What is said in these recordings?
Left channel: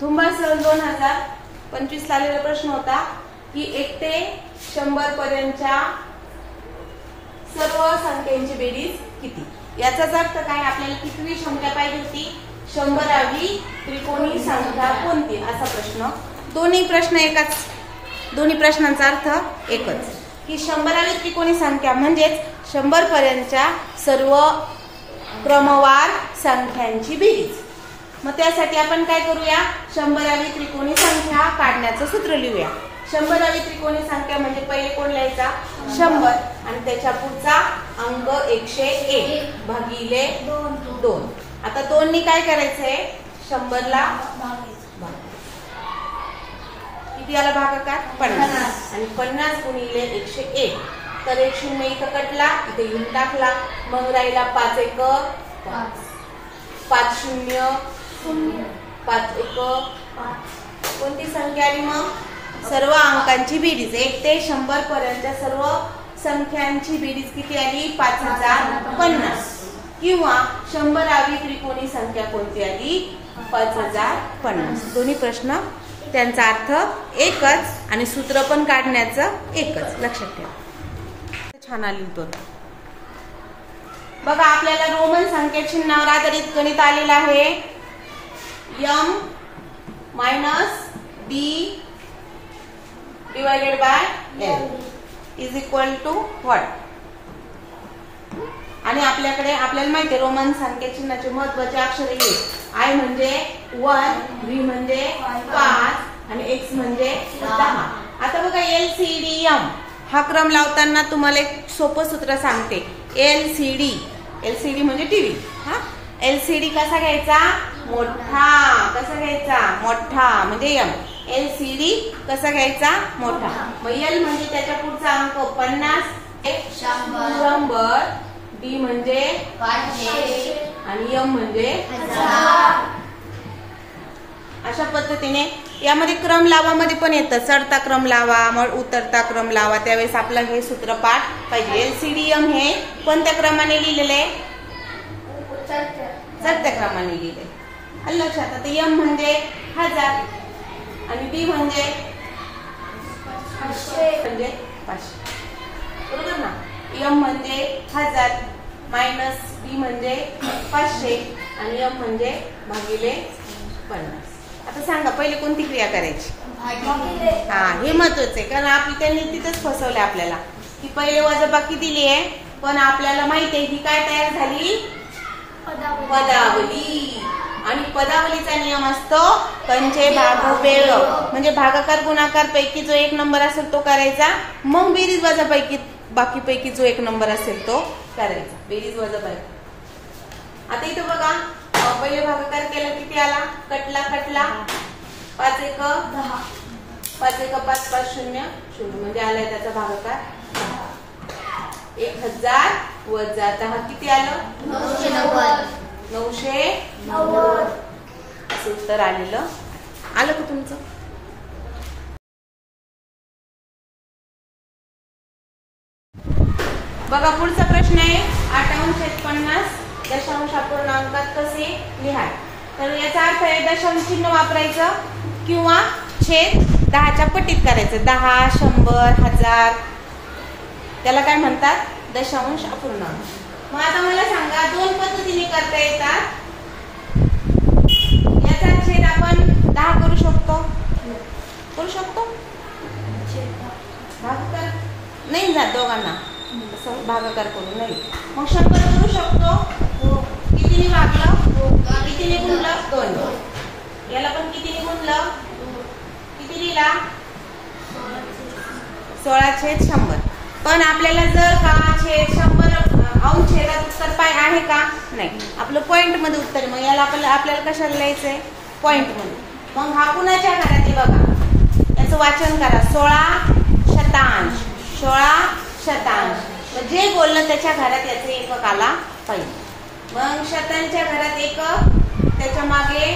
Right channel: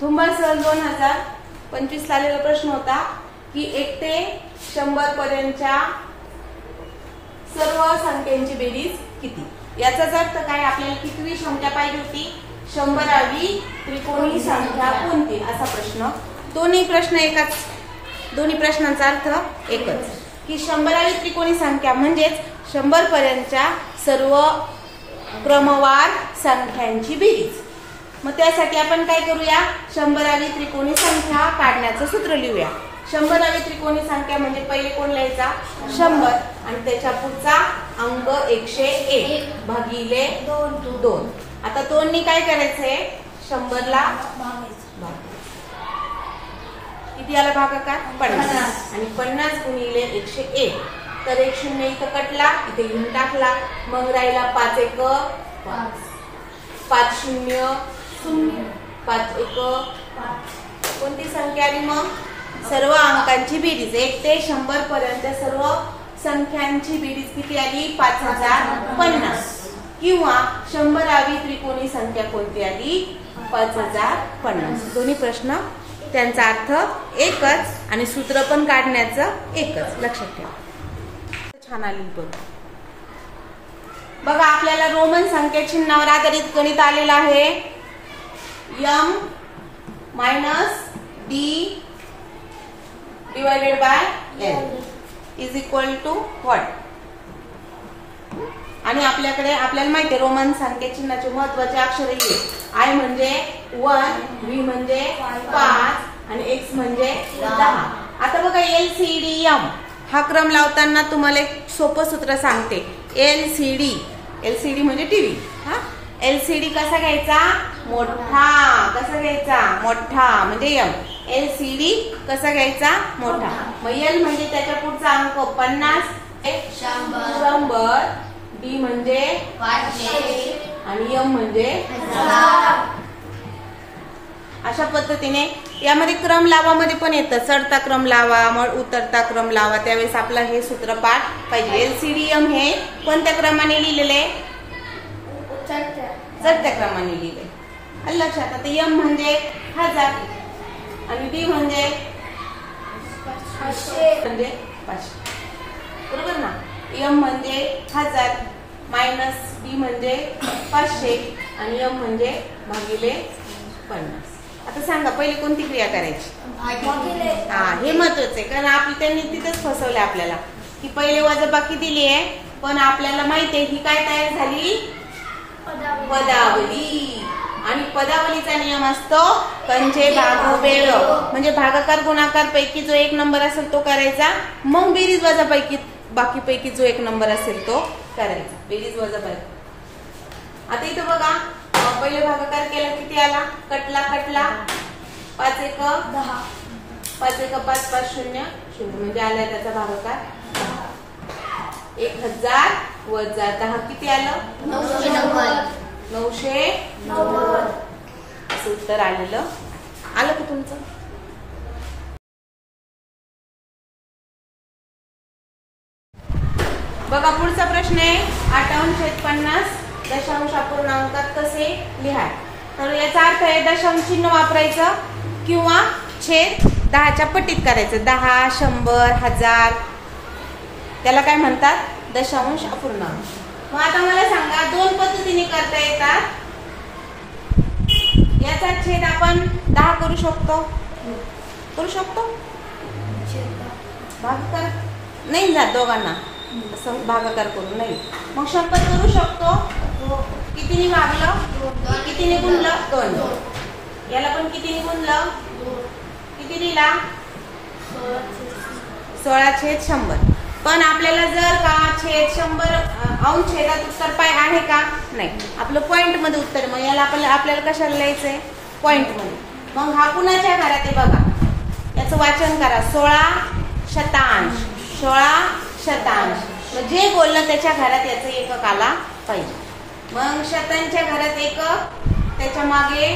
धुंबळ सहल 2025 आलेला प्रश्न होता की 1 ते 100 पर्यंतच्या सर्व संख्यांची बेरीज किती। याचाच अर्थ काय, आपल्याला कितवी संख्या पाहिजे होती, 100वी त्रिकोणी संख्या कोणती असा प्रश्न। दोन्ही प्रश्नांचा अर्थ एकच की 100वी त्रिकोणी संख्या म्हणजेच 100 पर्यंतच्या सर्व क्रमवार संख्यांची बेरीज। मग त्यासाठी आपण काय करूया, 100वी त्रिकोणी संख्या काढण्याचं सूत्र लिहूया। 100वी त्रिकोणी संख्या म्हणजे पहिले कोण लिहायचा, 100 आणि त्याच्या पुढचा अंक 101 भागिले 2। आता 2 नी काय करायचंय, 100 ला किती आला भागाकार 50 आणि 50 गुणिले 101, तर 1 0 इथं कटला, इथे घेऊन टाकला, मग राहिला 5 1 5 5 0 5 1 कोणती संख्या आली, मग सर्व अंकांची बेरीज 1 ते 100 पर्यंत सर्व संख्यांची बेरीज किती आली, 5050 किंवा 100वी त्रिकोणी संख्या कोणती आली, 5050। दोन्ही प्रश्न त्यांचा अर्थ एकच आणि सूत्र पण काढण्याचं एकच, लक्षात ठेवा। छान आली उत्तर बघा। आपल्याला रोमन संख्या चिन्हावर आधारित गणित आलेलं आहे। m - d divided by l is equal to what। आणि आपल्याला माहिती आहे रोमन संख्या चिन्हाचे महत्त्वाचे अक्षर हे I म्हणजे 1, V म्हणजे 5 आणि x म्हणजे 10। आता बघा LCD-M हा क्रम लावताना तुम्हाला एक सोपं सूत्र सांगते। LCD म्हणजे टीव्ही, हा LCD कसा घ्यायचा, मोठा, कसा घ्यायचा, मोठा म्हणजे M। LCD कसा घ्यायचा, मोठा। मग L म्हणजे त्याच्या पुढचा अंक 50 100 D म्हणजे 500 आणि M म्हणजे 1000। अशा पद्धतीने यामध्ये क्रम लावामध्ये पण येतं, चढता क्रम लावा मग उतरता क्रम लावा, त्यावेळेस आपला हे सूत्र पाठ पाहिजे। LCD-M हे कोणत्या क्रमाने लिहिलेले, चढत्या क्रमाने लिहिले, लक्षात। आता M म्हणजे 1000 आणि D म्हणजे 500 बरोबर ना। M म्हणजे 1000 मायनस D म्हणजे 500 आणि M म्हणजे भागिले 50। आता सांगा पहिले कोणती क्रिया करायची, हे महत्वाचं आहे, कारण त्यांनी तिथेच फसवलं आपल्याला की पहिले वजाबाकी दिली आहे, पण आपल्याला माहिती आहे ही काय तयार झाली, पदावली। आणि पदावलीचा नियम असतो पंचे भागू बेळ, म्हणजे भागाकार गुणाकार पैकी जो एक नंबर असेल तो करायचा, मग बेरीज वजाबाकी बाकी पैकी जो एक नंबर असेल तो करायचा, बेरीज वजाबाकी। आता इथं बघा पहिले भागाकार केला किती आला, कटला 5 1 10 5 1 5 5 0 0 म्हणजे आलाय त्याचा भागाकार 1000 वजा 10 किती आलं, 990 असं उत्तर आलं का तुमचं। बघा पुढचा प्रश्न आहे 58/50 दशांश अपूर्णांकात कसे लिहाल। तर याचा अर्थ आहे दशांश चिन्ह वापरायचं किंवा छेद 10च्या पटीत करायचं, 10 100 1000 त्याला काय म्हणतात, दशांश अपूर्णांक। मग आता मला सांगा 2 पद्धतीने करता येतात। याचा छेद आपण 10 करू शकतो, भागाकार नाही जात दोघांना, असं भागाकार करून नाही, मग 100 करू शकतो, कितीने भागलं, कितीने गुणलं 2, याला पण कितीने गुणलं, किती लिहिला 16/100। पण आपल्याला जर का छेद 100 अंश छेदात उत्तर पाय आहे का, नाही, आपलं पॉइंट मध्ये उत्तर, मग याला आपल्याला कशाला लिहायचंय, पॉइंट मध्ये। मग हा कुणाच्या घरात आहे बघा, याचं वाचन करा, 16 मग जे बोललं त्याच्या घरात याचं एकक आला पाहिजे। मग शतांच्या घरात एकक, त्याच्या मागे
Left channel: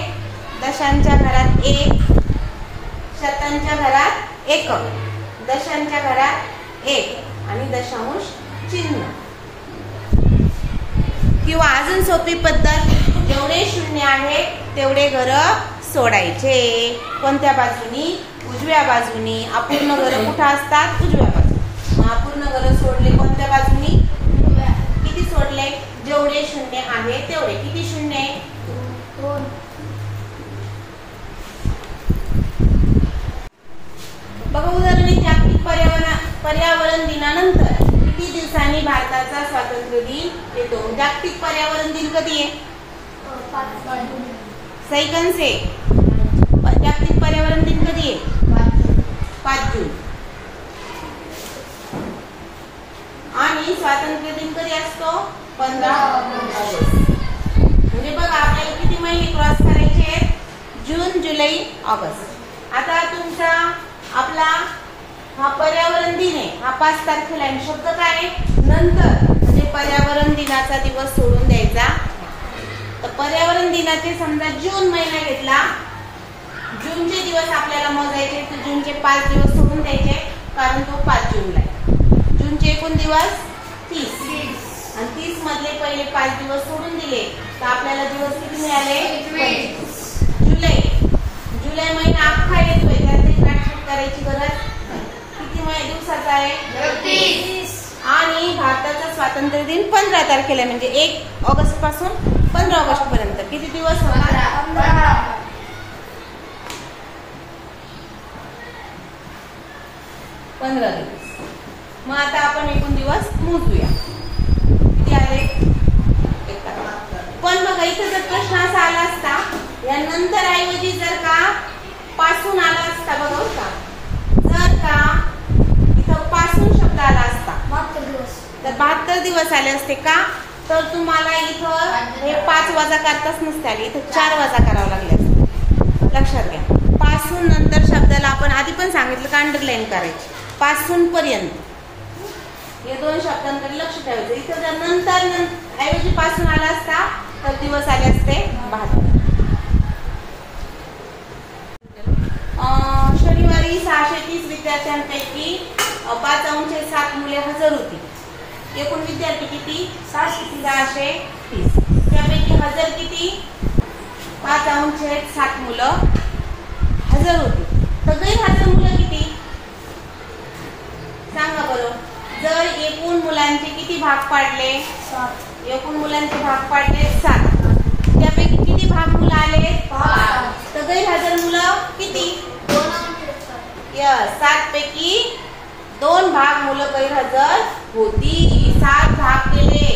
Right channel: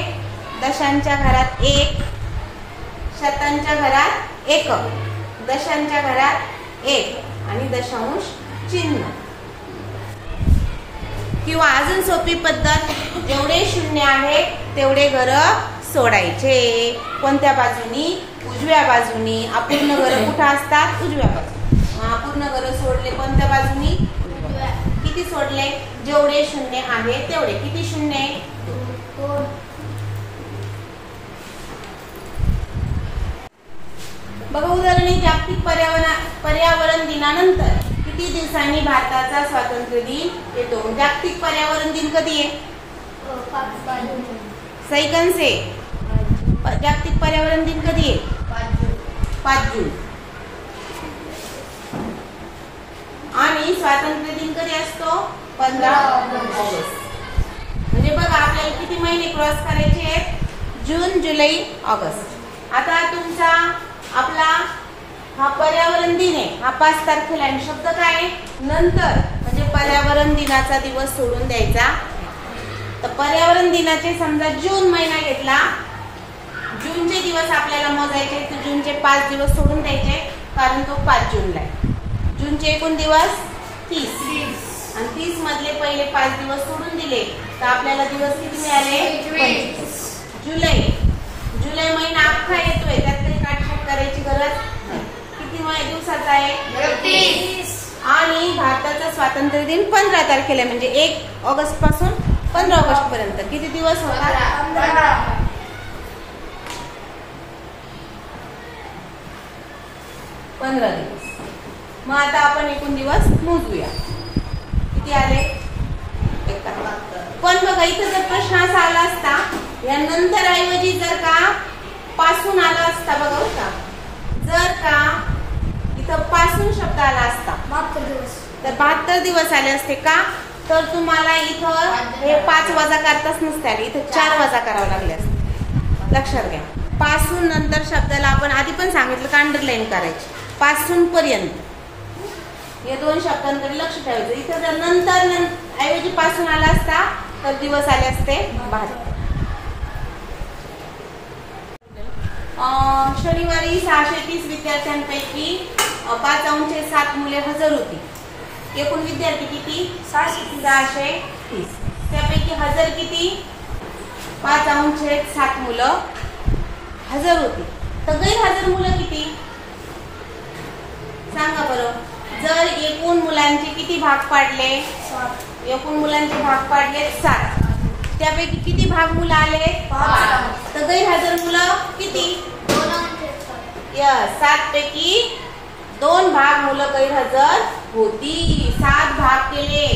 दशांच्या घरात 1, शतांच्या घरात एकक, दशांच्या घरात 1 आणि दशांश चिन्ह। किंवा अजून सोपी पद्धत, जेवढे शून्य आहे तेवढे घर सोडायचे. कोणत्या बाजूनी? उजव्या बाजूनी. अपूर्ण घरं कुठं असतात? उजव्या बाजूनी. मग अपूर्ण घरं सोडले कोणत्या बाजूनी? किती सोडले? जेवढे शून्य आहे तेवढे. किती शून्य आहे? बघा उदाहरण, जागतिक पर्यावरण दिनानंतर किती दिवसांनी भारताचा स्वातंत्र्य दिन येतो? जागतिक पर्यावरण दिन कधी आहे? सैकन से जागतिक पर्यावरण दिन कधी आहे? 5 जून. आणि स्वातंत्र्य दिन कधी असतो? 15 ऑगस्ट. म्हणजे बघा आपल्याला किती महिने क्रॉस करायचे आहेत? जून, जुलै, ऑगस्ट. आता तुमचा आपला हा पर्यावरण दिन आहे, हा 5 तारखेला आहे. शब्द काय आहे? नंतर. म्हणजे पर्यावरण दिनाचा दिवस सोडून द्यायचा. तर पर्यावरण दिनाचे समजा जून महिना घेतला, जूनचे दिवस आपल्याला मोजायचे, तर जूनचे 5 दिवस सोडून द्यायचे, कारण तो 5 जूनला आहे. जूनचे एकूण दिवस 30 आणि 30 मधले पहिले 5 दिवस सोडून दिले तर आपल्याला दिवस किती मिळाले? 25. जुलै महिना अख्खा येतोय, त्यातली काटछाट करायची गरज नाही. किती दिवसाचा आहे? 30. आणि भारताचा स्वातंत्र्य दिन 15 तारखेला, म्हणजे 1 ऑगस्ट पासून 15 ऑगस्ट पर्यंत किती दिवस होतात? 15 दिवस. मग आता आपण एकूण दिवस मोजूया. किती आले? 71. पण बघा इथं जर प्रश्न असा आला असता, या नंतर ऐवजी जर का पासून आला असता, बघा का, जर का इथं पासून शब्द आला असता तर 72 दिवस आले असते का? तर तुम्हाला इथं हे 5 वजा करताच नसते आले, इथं 4 वजा करावं लागले असते. लक्षात घ्या, पासून नंतर शब्दाला आपण आधी पण सांगितलं का अंडरलाईन करायची. पासून पर्यंत या 2 शब्दांकडे लक्ष ठेवायचं. इथं जर नंतर ऐवजी पासून आला असता तर दिवस आले असते 72. शनिवारी 630 विद्यार्थ्यांपैकी 5/7 मुले हजर होती. एकूण विद्यार्थी किती? 630. त्यापैकी हजर किती? 5/7 मुलं हजर होती. तर गैरहजर मुलं किती? सांगा बरं. जर एकूण मुलांचे किती भाग पाडले? 7. एकूण मुलांचे भाग पाडले 7. त्यापैकी किती भाग मुलं आले? 5. तर गैरहजर मुलं किती? 7 पैकी 2 भाग मुलं गैरहजर होती. 7 भाग केले,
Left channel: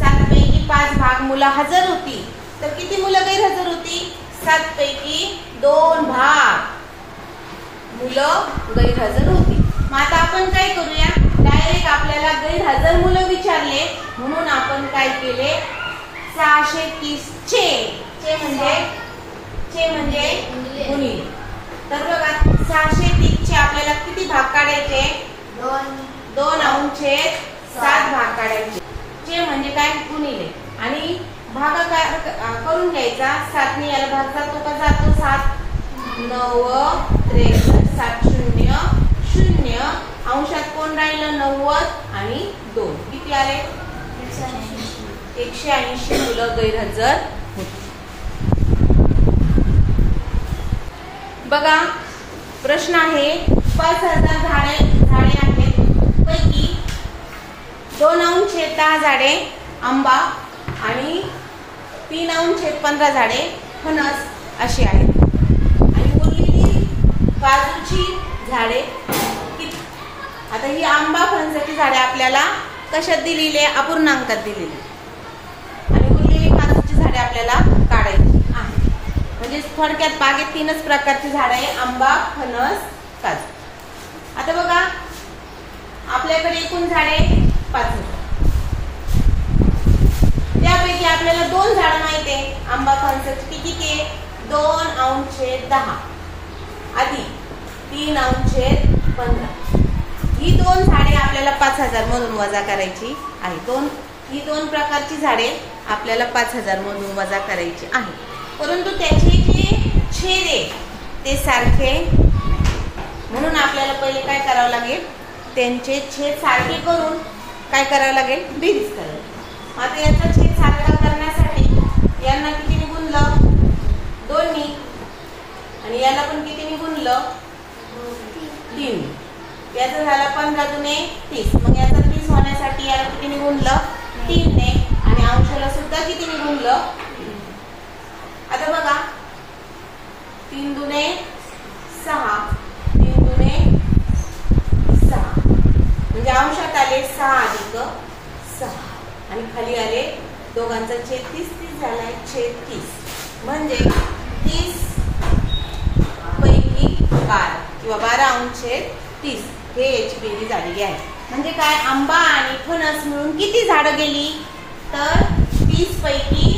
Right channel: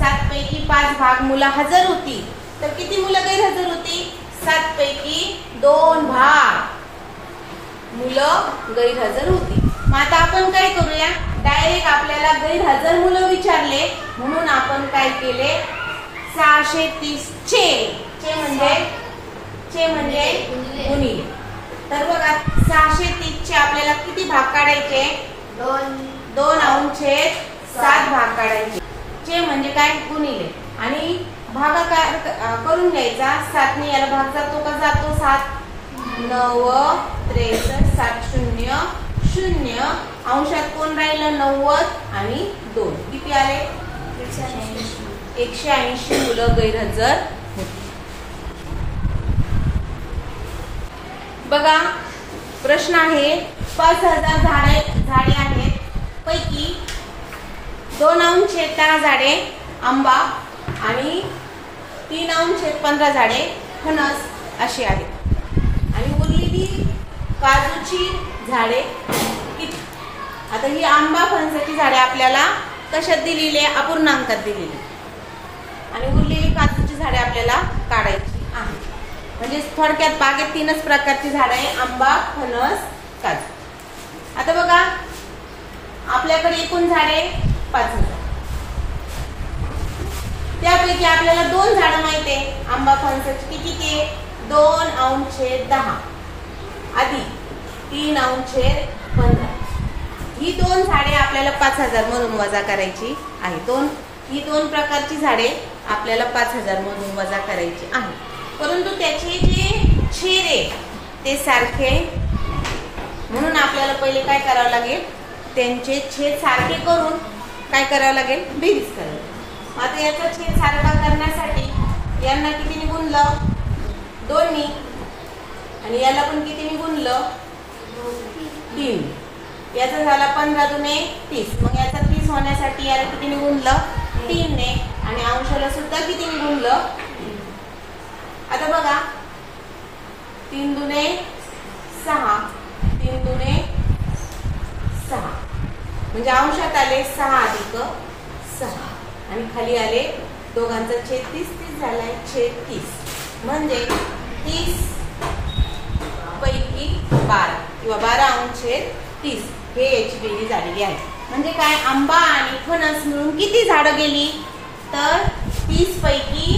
7 पैकी 5 भाग मुलं हजर होती. तर किती मुलं गैरहजर होती? 7 पैकी 2 भाग मुलं गैरहजर होती. मग आता आपण काय करूया? डायरेक्ट आपल्याला गैरहजर मुलं विचारले म्हणून आपण काय केले? 630 चे म्हणजे गुणिले. तर बघा 630 चे आपल्याला किती भाग काढायचे? 2/7 भाग काढायचे. चे म्हणजे काय? गुणिले. आणि भागाकार करून घ्यायचा. 7 ने याला भाग जातो का? जातो. 7 9 63 7 0 0. अंशात कोण राहिलं? 90 आणि 2. किती आले? 180 मुलं गैरहजर होती. बघा प्रश्न आहे, 5000 झाडे आहेत पैकी 2/10 झाडे आंबा आणि 3/15 झाडे फणस अशी आहेत. आणि उरलेली काजूची झाडे किती? आता ही आंबा फणसाची झाडे आपल्याला कशात दिलेली आहे? अपूर्णांकात दिलेली. आणि उरलेली काजूची झाडे आपल्याला काढायची आहे. म्हणजे थोडक्यात बागेत 3च प्रकारची झाडे आहे: आंबा, फणस, काजू. आता बघा आपल्याकडे एकूण झाडे 5000. त्यापैकी आपल्याला 2 झाडं माहिती आहे आंबा फणसाची. किती? 2/10 आधी 3/15. ही 2 झाडे आपल्याला 5000 मधून वजा करायची आहे. ही 2 प्रकारची झाडे आपल्याला 5000 मधून वजा करायची आहे. परंतु त्याचे जे छेद आहे ते सारखे म्हणून आपल्याला पहिले काय करावं लागेल? त्यांचे छेद सारखे करून काय करावं लागेल? बेरीज करावी. आता याचा छेद सारखा करण्यासाठी यांना कितीने गुणलं? 2 नी. आणि याला पण कितीने गुणलं 3. याचा झाला 15 दुने 30. मग याचा 30 होण्यासाठी याला कितीने गुणलं 3 ने आणि अंशाला सुद्धा कितीने गुणलं 3. आता बघा 3 दुने 6 3 दुने 6 म्हणजे अंशात आले 6 अधिक 6 आणि खाली आले दोघांचा छेद 30 30 झालाय छेद 30 म्हणजे 30 पैकी 12 किंवा 12 अंश छेद 30 हे याची बेरीज झालेली आहे. म्हणजे काय आंबा आणि फणस मिळून किती झाडं गेली तर 30 पैकी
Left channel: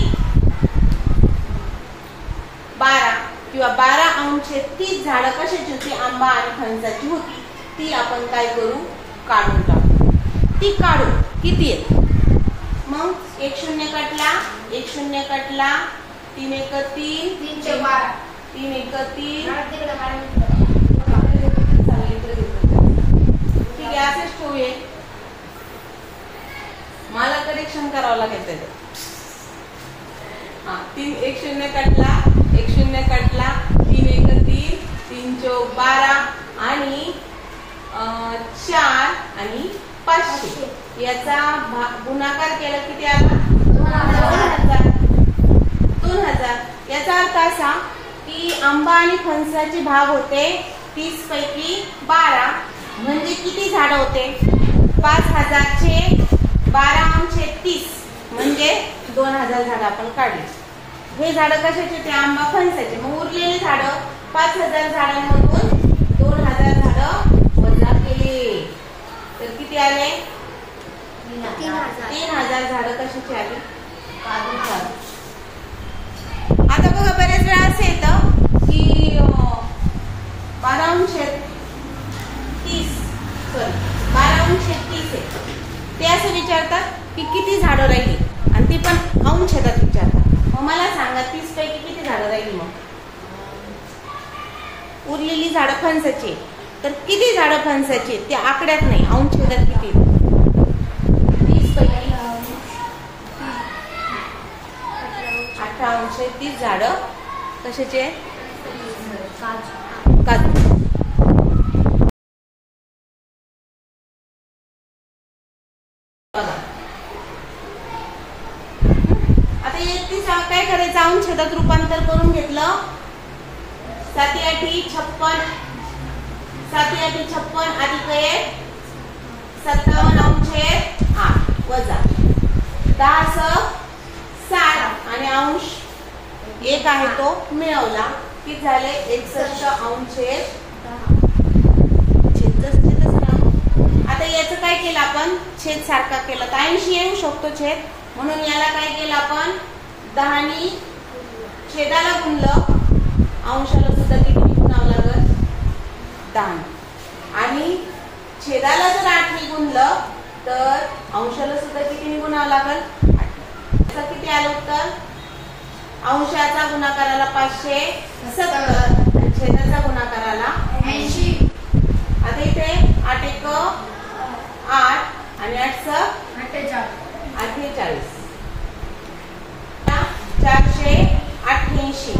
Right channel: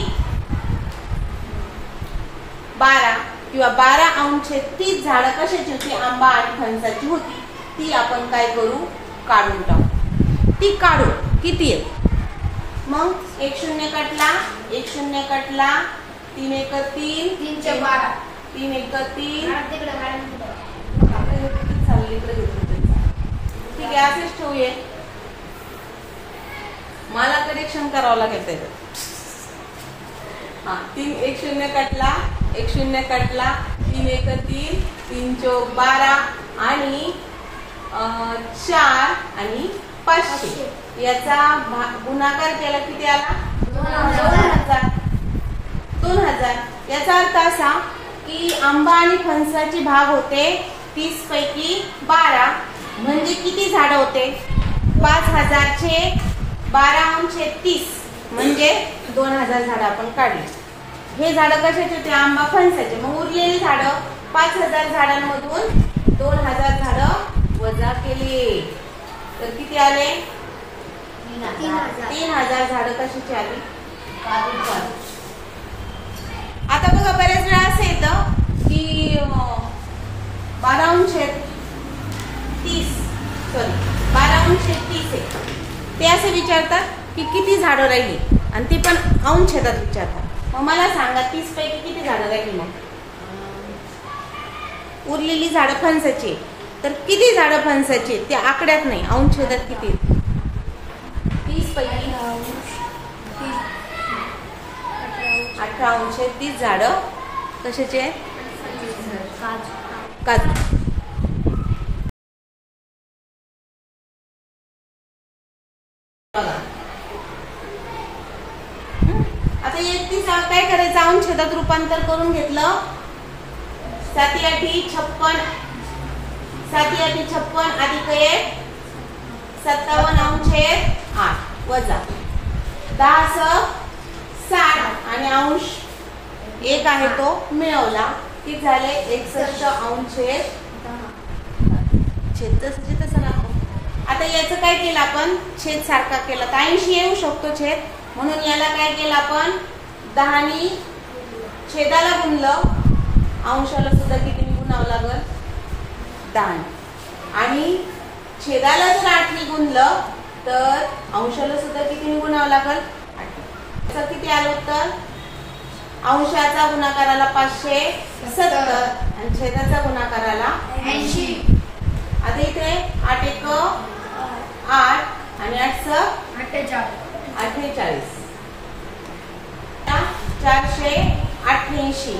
12 किंवा 12 अंश छेद 30 झाडं कशाची होती आंबा आणि फणसाची होती. ती आपण काय करू काढून टाकू. ती काढू किती आहे मग 1 0 कटला 1 0 कटला 3 1 3 3 चे 12 3 1 3 ठीक आहे असेच ठेवूया. मला करेक्शन करावं लागेल त्याचं. 3 1 0 कटला 1 0 कटला 3 1 3 3 चौक 12 आणि 4 आणि 500 याचा गुणाकार केला किती आला 2000. याचा अर्थ असा की आंबा आणि फणसाचे भाग होते 30 पैकी 12 म्हणजे किती झाड होते 5000 चे 12 अंश 30 म्हणजे 2000 झाड आपण काढली. हे झाड कशाचे होते आंबा फणसाचे. मग उरलेले झाड 5000 झाडांमधून 2000 झाड वजा केले तर किती आले 3000 झाड कशाची आली. आता बघा बरेच वेळा असं येतं की 12 अंश 30 12 अंश 30 ते असे विचारतात की किती झाडं राहिली आणि ते पण अंश छेदात विचारतात. मग मला सांगा 30 पैकी किती झाडं राहिली. मग उरलेली झाडं फणसाची तर किती झाडं फणसाची ते आकड्यात नाही अंश छेदात किती 30 पैकी 18 अंश 30 झाडं कशाचे काजू. आता 31 काय करायचं अंश छेदात रूपांतर करून घेतलं 7 8 56 7 8 56 अधिक 1 57 अंश 8 वजा 10 60 आणि अंश 1 आहे तो मिळवला किती झाले 61 अंश छेद तसं राहतो. आता याचं काय केलं आपण छेद सारखा केला तर 80 येऊ शकतो छेद म्हणून याला काय केलं आपण 10 नी छेदाला गुणलं अंशाला सुद्धा किती गुणावं लागल 10 आणि छेदाला जर 8 नी गुणलं तर अंशाला सुद्धा किती गुणावं लागल 8. किती आलं उत्तर अंशाचा गुणाकाराला 570 आणि छेदाचा गुणाकाराला 80. आता इथे 8 1 8 आणि 8 48 488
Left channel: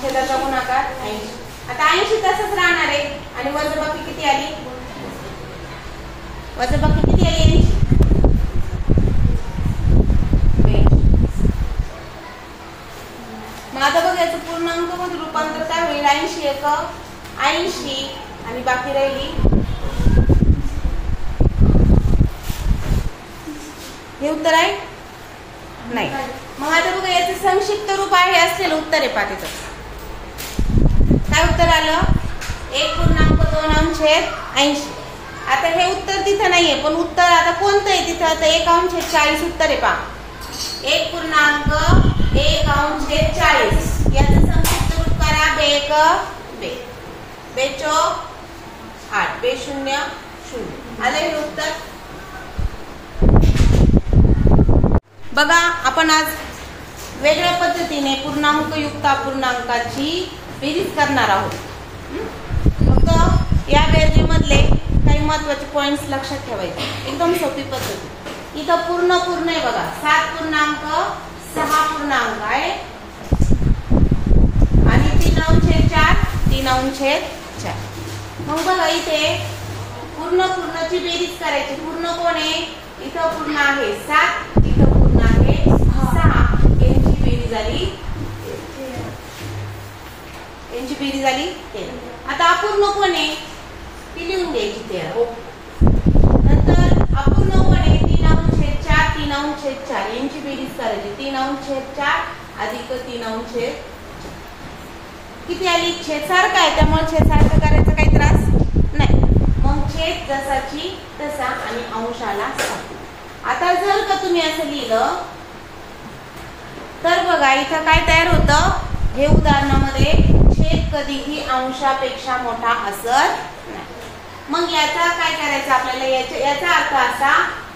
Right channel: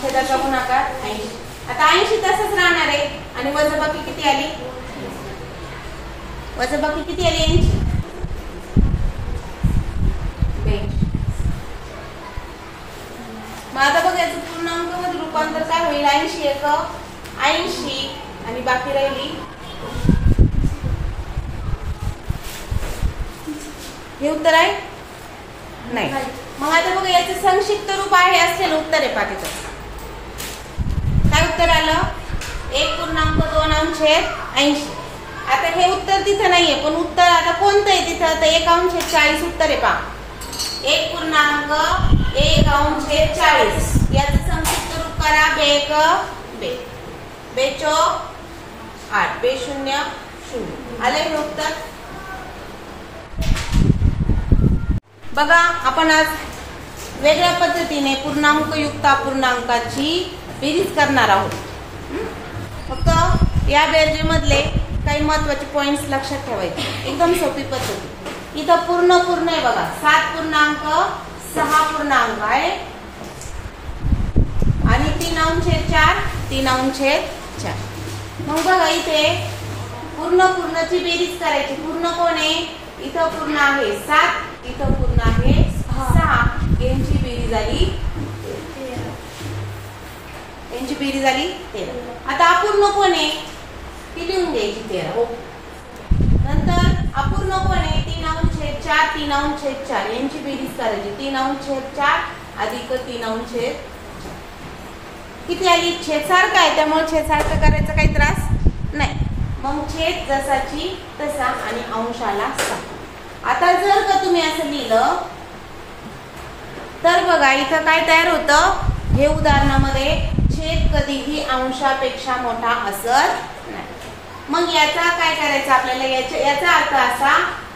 छेदाचा गुणाकार 80. आता 80 तसंच राहणार आहे आणि वजाबाकी किती आली वजाबाकी किती आली 80. मग आता बघ याचं पूर्णांक मध्ये रूपांतर काय होईल 80 1 80 आणि बाकी राहिली हे उत्तर आहे नाही. मग आता बघा याचं संक्षिप्त रूप आहे असेल उत्तर आहे पाठीचं काय उत्तर आलं 1.2 अंश 80. आता हे उत्तर तिथं नाहीये पण उत्तर आता कोणतं आहे तिथं तर 1 अंश 40 उत्तर आहे पहा 1.1 अंश 40 याचं संक्षिप्त रूप करा बे 1 बे बे चौक 8 बे 0 0 आलं हे उत्तर. बघा आपण आज वेगळ्या पद्धतीने पूर्णांक युक्त अपूर्णांकाची बेरीज करणार आहोत. फक्त या बेरजेमधले काही महत्वाचे पॉइंट्स लक्षात ठेवायचे एकदम सोपी पद्धती. इथं पूर्ण आहे बघा 7 पूर्णांक 6 पूर्णांक आहे आणि 3/4 3/4. मग बघा इथे पूर्णची बेरीज करायची. पूर्ण कोण आहे? इथं पूर्ण आहे 7, इथं पूर्ण आहे 6. यांची बेरीज झाली 13. आता अपूर्ण कोण आहे? ती लिहून घ्यायची 13. नंतर अपूर्ण कोण आहे? 3/4 3/4. यांची बेरीज करायची. 3/4 अधिक 3/4 किती आली? छेद सारखा आहे त्यामुळे छेद सारखं करायचा काही त्रास नाही. मग छेद जसाची तसा आणि अंशाला 6. आता जर का तुम्ही असं लिहिलं तर बघा इथं काय तयार होतं? हे उदाहरणामध्ये छेद कधीही अंशापेक्षा मोठा असत नाही. मग याचा काय करायचं आपल्याला? याचा अर्थ असा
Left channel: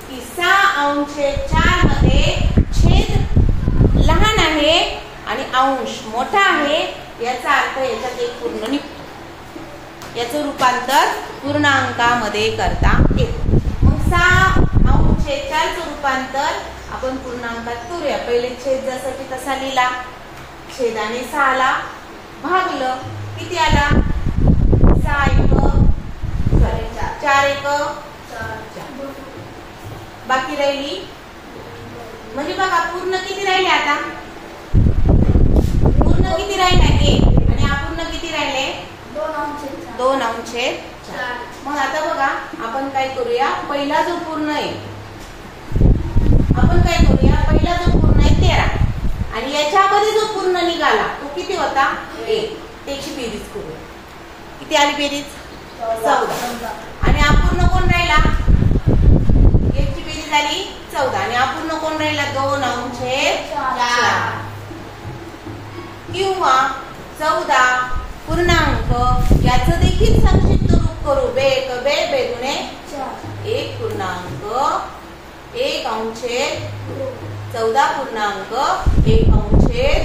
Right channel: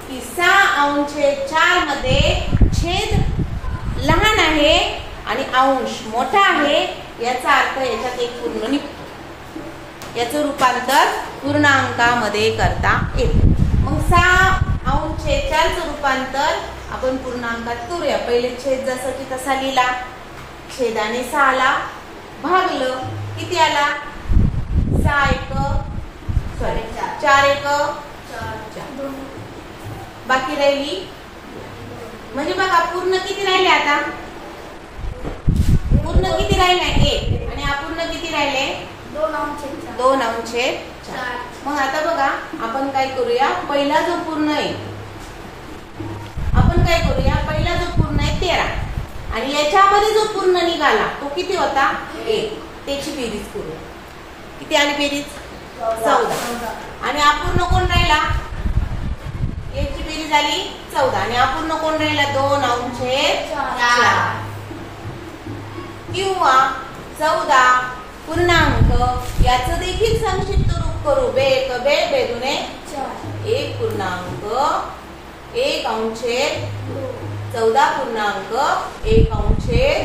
की 6/4 मध्ये छेद लहान आहे आणि अंश मोठा आहे. याचा अर्थ याच्यात एक पूर्ण निघतो. याचं रूपांतर पूर्णांकामध्ये करता येते. मग 6/4 रूपांतर आपण पूर्णांकात करूया. पहिले छेद जसाची तसा लिहिला. छेदाने 6ला भागलं. किती आला? 4 1 4. बाकी राहिली म्हणजे बघा पूर्ण किती राहिले? आता पूर्ण किती राहिले? 1. आणि अपूर्ण किती राहिले? 2/4. मग आता बघा आपण काय करूया? पहिला जो पूर्ण आहे आपण काय करूया? पहिला जो पूर्ण आहे 13 आणि याच्यामध्ये जो पूर्ण निघाला तो किती होता? 1. त्याची बेरीज करूया. किती आली बेरीज? 14. आणि अपूर्ण कोण राहिला? याची बेरीज झाली 14 आणि अपूर्ण कोण राहिला? 2/4 किंवा 14 पूर्णांक. याचं देखील संक्षिप्त रूप करू. बेक बे बेगुणे 1 पूर्णांक 1/4 14 पूर्णांक 1/4.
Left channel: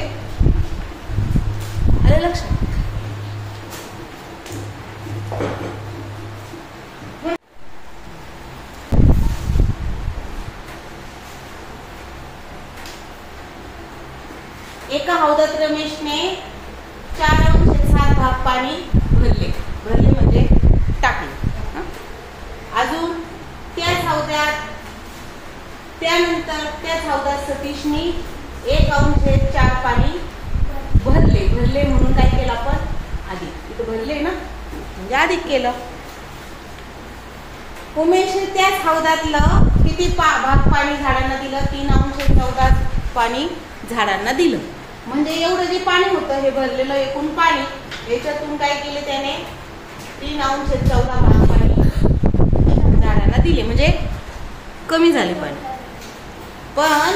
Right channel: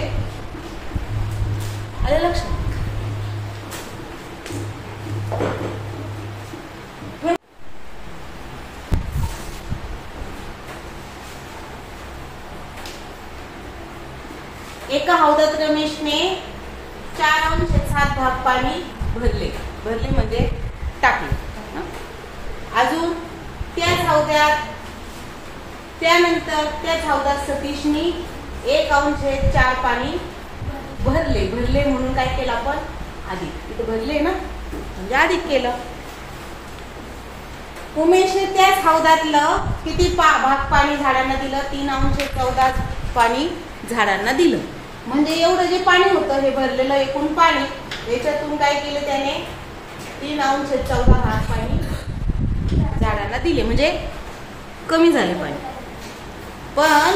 आलं लक्षात? एका हौदात रमेशने 4/7 भाग पाणी भरले म्हणजे टाकले. अजून त्यानंतर त्याच हौदात सतीशने 1/4 पाणी भरले म्हणून काय केलं आपण? अधिक. इथं भरले ना म्हणजे अधिक केलं. उमेशने त्याच हौदातलं किती भाग पाणी झाडांना दिलं? 3/14 पाणी झाडांना दिलं. म्हणजे एवढं जे पाणी होतं हे भरलेलं एकूण पाणी याच्यातून काय केले त्याने? 3/14 भाग पाणी झाडांना दिले म्हणजे कमी झाले पाणी. पण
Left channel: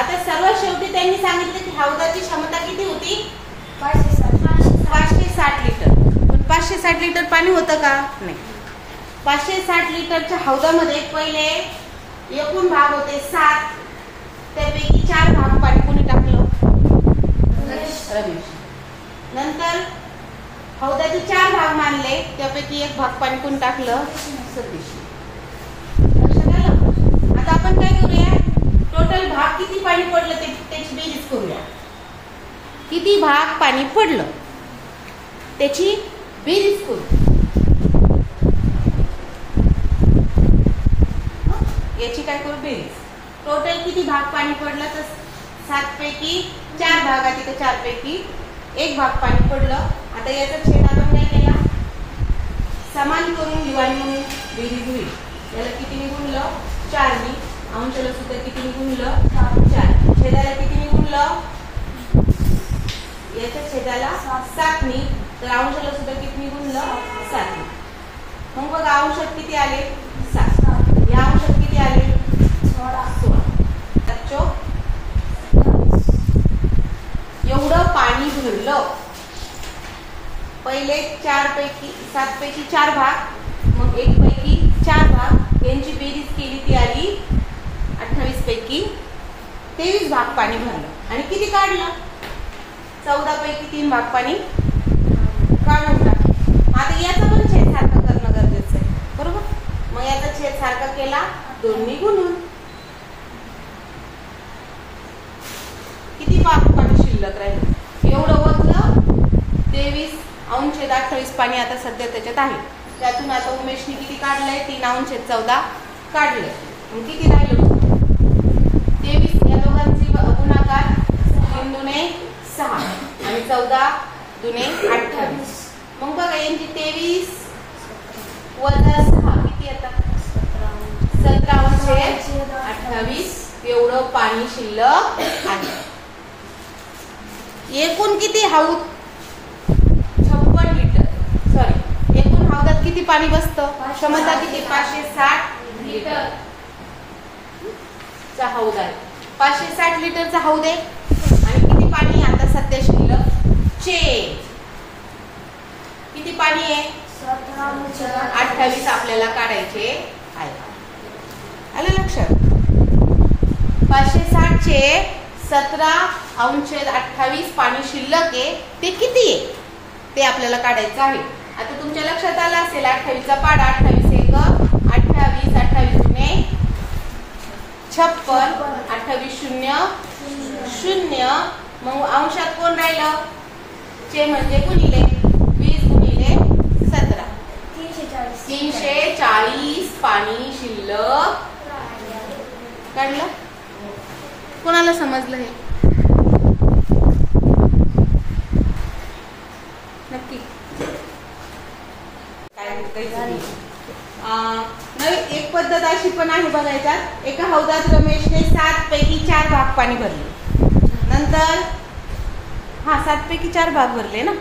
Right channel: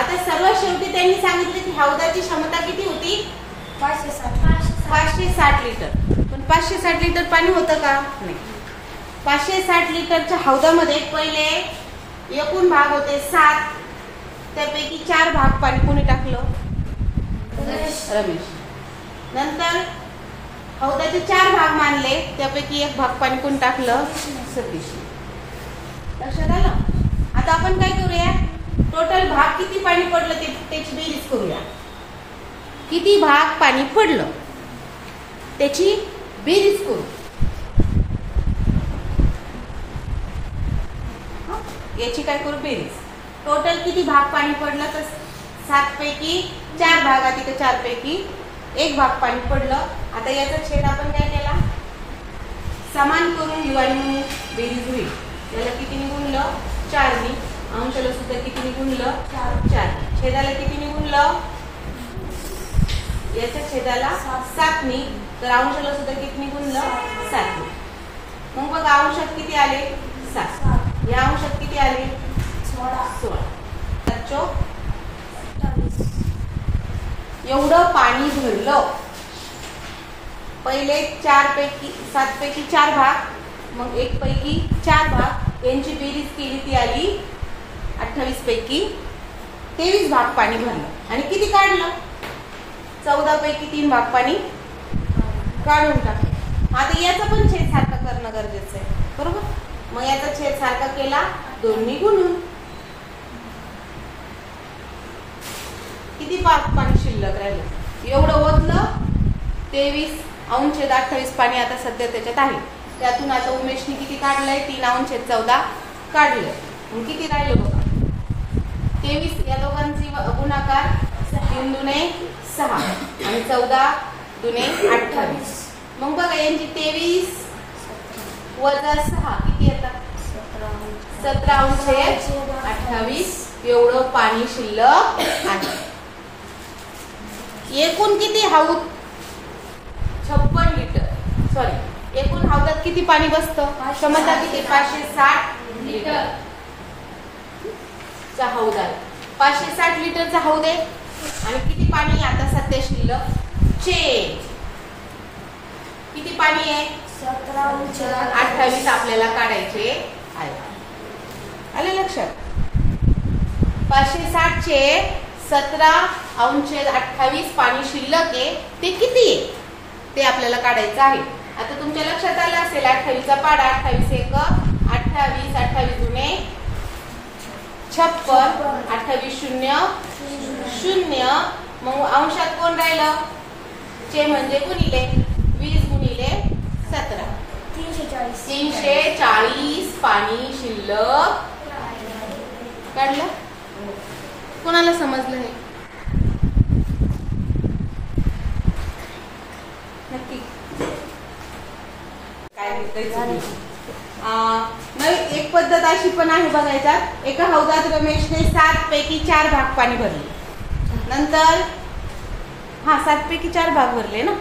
आता सर्वात शेवटी त्यांनी सांगितलं की हौदाची क्षमता किती होती? 560 लिटर. पण 560 लिटर पाणी होतं का? नाही. 560 लिटरच्या हौदामध्ये पहिले एकूण भाग होते 7. त्यापैकी 4 भाग पाणी कोणी टाकलं? रमेश. नंतर हौदाचे 4 भाग मानले त्यापैकी 1 भाग पाणी कोणी टाकलं? सतीश. लक्षात आलं? आता आपण काय करूया? टोटल भाग किती पाणी पडलं त्याची बेरीज करूया. किती भाग पाणी पडलं त्याची बेरीज करू. याची काय करू? बेरीज. टोटल किती भाग पाणी पडलं? तर 7 पैकी 4 भागात इथे 4 पैकी 1 भाग पाणी पडलं. आता याचा छेद आपण काय केला? समान करून दिवाळी म्हणून बेरीज होईल. याला किती गुणलं? 4 नी. अंशाला सुद्धा किती गुणलं? 4. छेदाला किती गुणलं? याच्या छेदाला 7 नी. तर अंशाला सुद्धा किती गुणलं? 7 नी. मग बघा अंशात किती आले? 7. या अंशात किती आले? 16. एवढं पाणी भरलं. पहिले 7 पैकी 4 भाग मग 1 पैकी 4 भाग यांची बेरीज केली ती आली 28 पैकी 23 भाग पाणी भरलं. आणि किती काढलं? 14 पैकी 3 भाग पाणी काढून टाकलं. आता याचा पण छेद सारखा करणं गरजेचं आहे. बरोबर? मग याचा छेद सारखा केला 2 नी गुणून. किती भाग पाणी शिल्लक राहिलं? एवढं ओतलं 23°28 पाणी आता सध्या त्याच्यात आहे. त्यातून आता उमेशने किती काढलंय? 3°14 काढलंय. मग किती राहिलं बघा? 23 या दोघांची गुणाकार 3 दुने 6 आणि 14 दुने 28. मग बघा यांची 23 वजा 6 किती येतात? 17°28 एवढं पाणी शिल्लक आहे. एकूण किती हौद? 56 लिटर. सॉरी, एकूण हौदात किती पाणी बसतं? क्षमता किती? 560 लिटर चा हौद आहे. 560 लिटरचा हौद आहे. आणि किती पाणी आता सध्या शिल्लक? किती पाणी आहे? 17°28 आपल्याला काढायचे आहे. आले लक्षात? 560 चे 17°28 पाणी शिल्लक आहे. ते किती आहे ते आपल्याला काढायचं आहे. आता तुमच्या लक्षात आलं असेल 28चा पाडा 28 1 28 28 दुने 56 28 0 0. मग अंशात कोण राहिलं? चे म्हणजे गुणिले 20 गुणिले 17 340 पाणी शिल्लक काढलं. कोणाला समजलं हे? नक्की काय नवी एक पद्धत अशी पण आहे बघायच्यात. एका हौदात रमेशने 7 पैकी 4 भाग पाणी भरले. नंतर 7 पैकी 4 भाग भरले ना.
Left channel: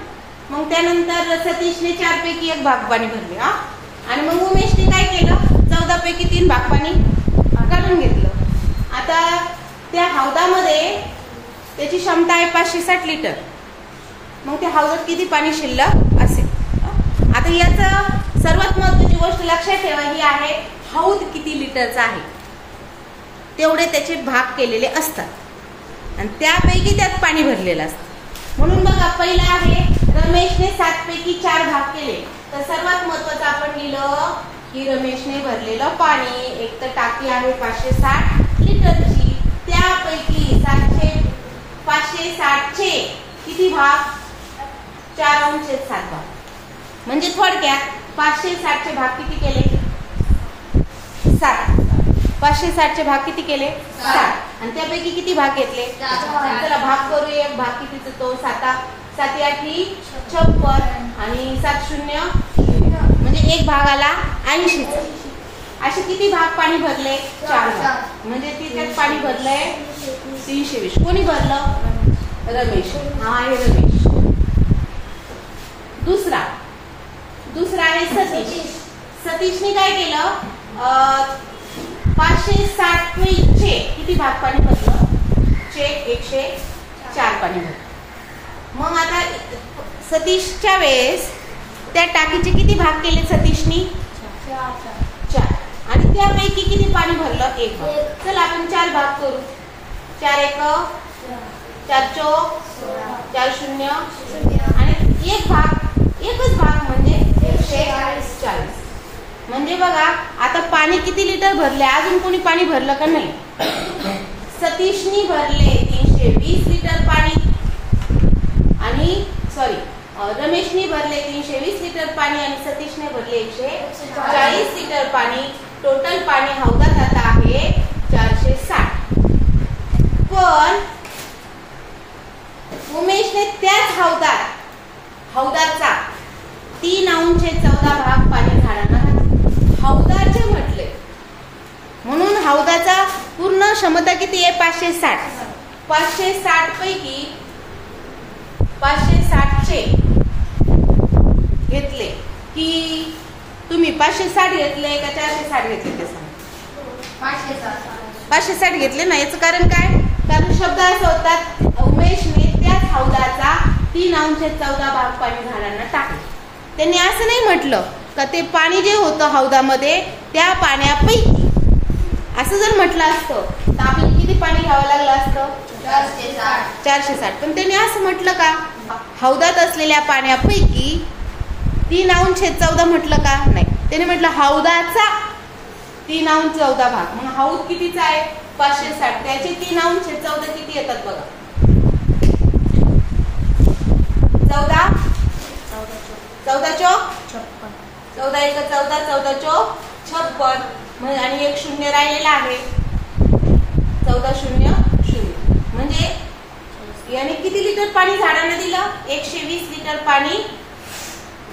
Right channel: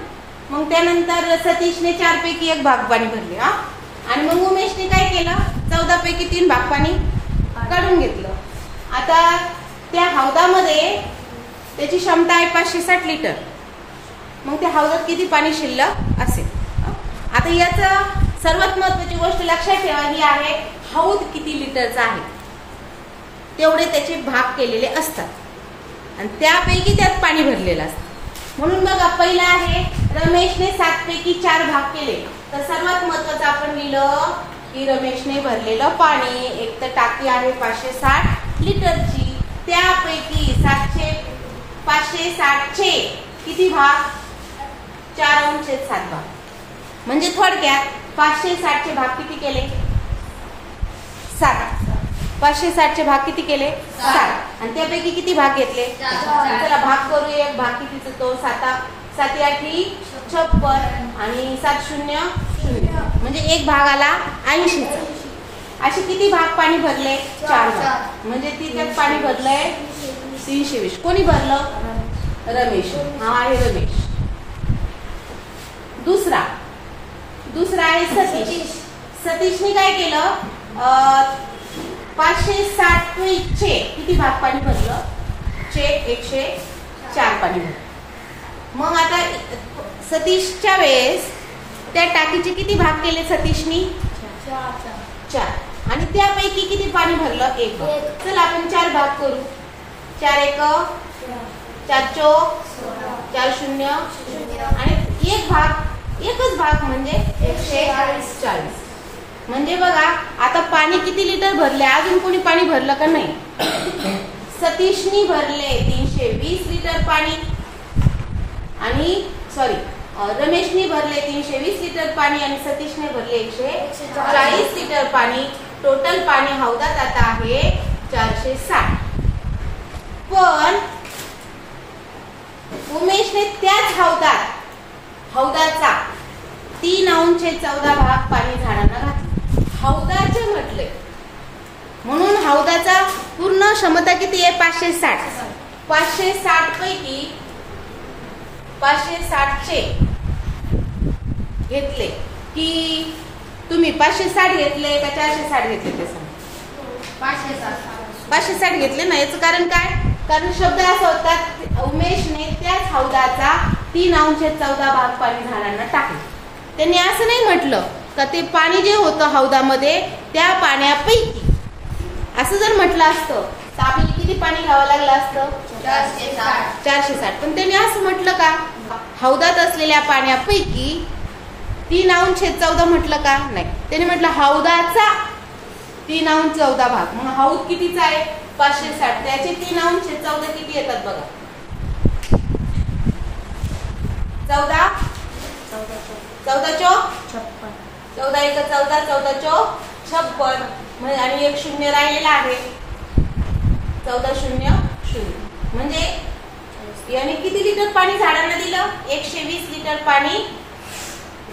मग त्यानंतर सतीशने 4 पैकी 1 भाग पाणी भरले. आणि मग उमेशने काय केलं? 14 पैकी 3 भाग पाणी काढून घेतलं. आता त्या हौदामध्ये त्याची क्षमता आहे 560 लिटर. मग त्या हौदात किती पाणी शिल्लक असेल? आता याचं सर्वात महत्वाची गोष्ट लक्षात ठेवा ही आहे, हौद किती लिटरचा आहे तेवढे त्याचे भाग केलेले असतात आणि त्यापैकी त्यात पाणी भरलेलं असतं. म्हणून बघा पहिला आहे रमेशने 7 पैकी 4 भाग केले. तर सर्वात महत्वाचं आपण लिहिलं की रमेशने भरलेलं पाणी एक तर टाकी आहे 560 लिटरची. त्यापैकी 560 चे किती भाग? 4/7 भाग. म्हणजे थोडक्यात 560 चे भाग किती केले? 7. 560 चे भाग किती केले? 7. आणि त्यापैकी किती भाग घेतले? चला भाग करूया. भाग कितीचा तो 7 7 8 56 आणि 7 0 0 म्हणजे एक भाग आला 80चा. असे किती भाग पाणी भरले? 4 भाग. म्हणजे त्यात पाणी भरलंय 320. कोणी भरलं? रमेश. हा आहे रमेश. दुसरा आहे सतीश. सतीशने काय केलं? 560 चे किती भाग पाणी भरलं? 104 पाणी भरलं. मग आता सतीशच्या वेळेस त्या टाकीचे किती भाग केले सतीशनी? 4. आणि त्यापैकी किती पाणी भरलं? 1 भाग. चला आपण 4 भाग करू. 4 1 4 चौक 4 0 आणि एकच भाग म्हणजे 140. म्हणजे बघा आता पाणी किती लिटर भरले? अजून कोणी पाणी भरलं का नाही? सतीशनी भरले 320 लिटर पाणी आणि रमेशनी भरले 320 लिटर पाणी आणि सतीशने भरले 140 लिटर पाणी. टोटल पाणी हौदात आता आहे 460. पण उमेशने त्याच हौदाचा 3/14 भाग पाणी झाडांना घातले. हौदाचे म्हटले म्हणून हौदाचा पूर्ण क्षमता किती आहे? 560. 560 पैकी 560 चे घेतले की तुम्ही 560 घेतले का 460 घेतले? 560 घेतले ना. याचं कारण काय? कारण शब्द असा होता उमेशने त्याच हौदाचा 3/14 भाग पाणी झाडांना टाकले. त्यांनी असं नाही म्हटलं का ते पाणी जे होतं हौदामध्ये त्या पाण्यापैकी. असं जर म्हटलं असतं तर आपल्याला किती पाणी घ्यावं लागलं असतं? 460. पण त्यांनी असं म्हटलं का? हौदात असलेल्या पाण्यापैकी 3/14 म्हटलं का? नाही. त्यांनी म्हटलं हौदाचा 3/14 भाग. मग हौद कितीचा आहे? 560. त्याचे 3/14 किती येतात बघा? 14 14 चौक 14 एक 14, 14 चौक 56 आणि एक शून्य राहिलेला आहे 14 शून्य शून्य. म्हणजे याने किती लिटर पाणी झाडांना दिलं? 120 लिटर पाणी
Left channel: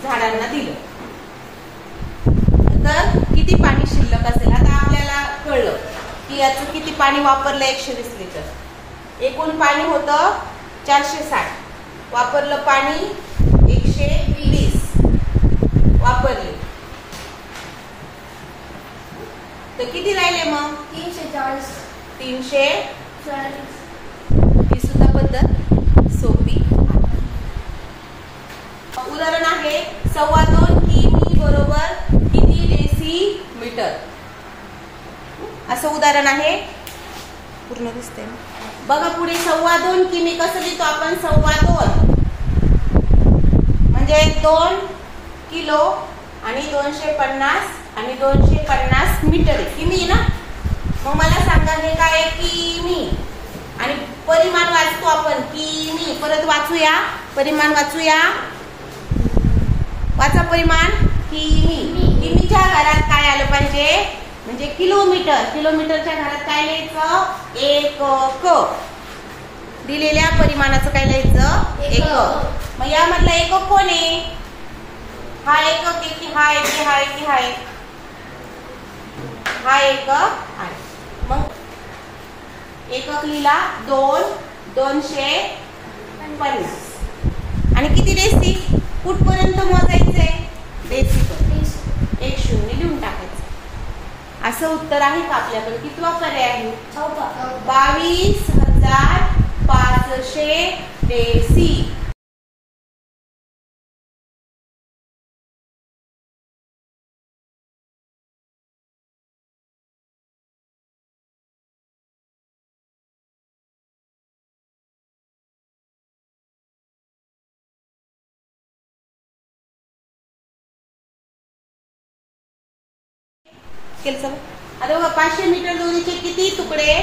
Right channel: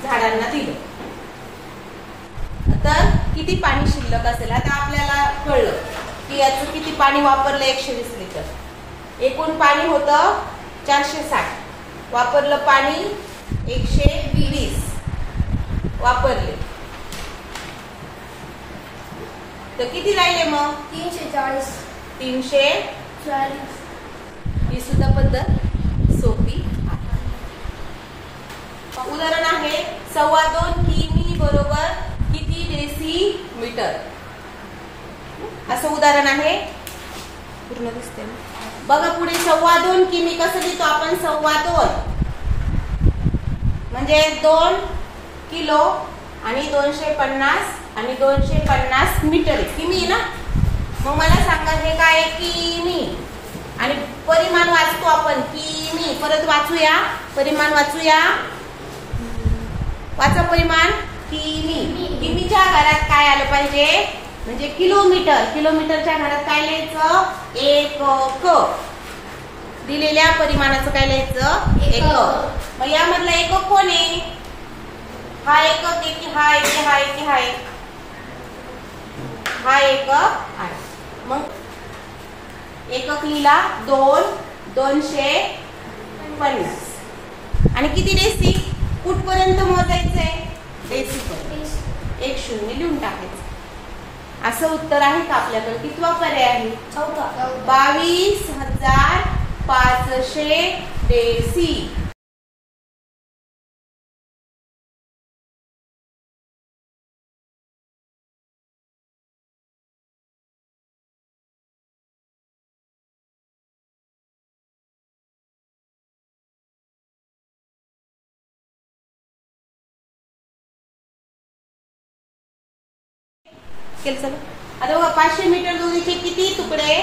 झाडांना दिलं. तर किती पाणी शिल्लक असेल? आता आपल्याला कळलं की याचं किती पाणी वापरलं 120 लिटर. एकूण पाणी होतं 460, वापरलं पाणी 120 वापरले. तर किती राहिले मग? 340. 340. ही सुद्धा पद्धत सोपी. उदाहरण आहे 2.25 किमी बरोबर किती डेसिमीटर. असं उदाहरण आहे. पूर्ण दिसते बघा पुढे. 2.25 किमी कसं लिहितो आपण? 2.25 म्हणजे 2 किलो आणि 250 आणि 250 मीटर किमी ना. मग मला सांगा हे काय? किमी. आणि परिमाण वाचतो आपण किमी. परत वाचूया परिमाण. वाचूया. वाचा परिमाण. किमी. किमीच्या घरात काय आलं पाहिजे? म्हणजे किलोमीटर. किलोमीटरच्या घरात काय लिहायचं? एकक. दिलेल्या परिमाणाचं काय लिहायचं? एकक. मग यामधला एकक कोण आहे? हा एकक आहे की हा एक? हा एक की हा एक? हा एकक आहे. मग एकक लिहिला 2, 250 आणि किती डेसी? कुठपर्यंत मोजायचंय? डेसी पर्यंत. 1 शून्य लिहून टाकायचं. असं उत्तर आहे का आपल्याकडे? कितवा पर्याय आहे? 22,500 डेसी. केलं. आता बघा 500 मीटर दोरीचे किती तुकडे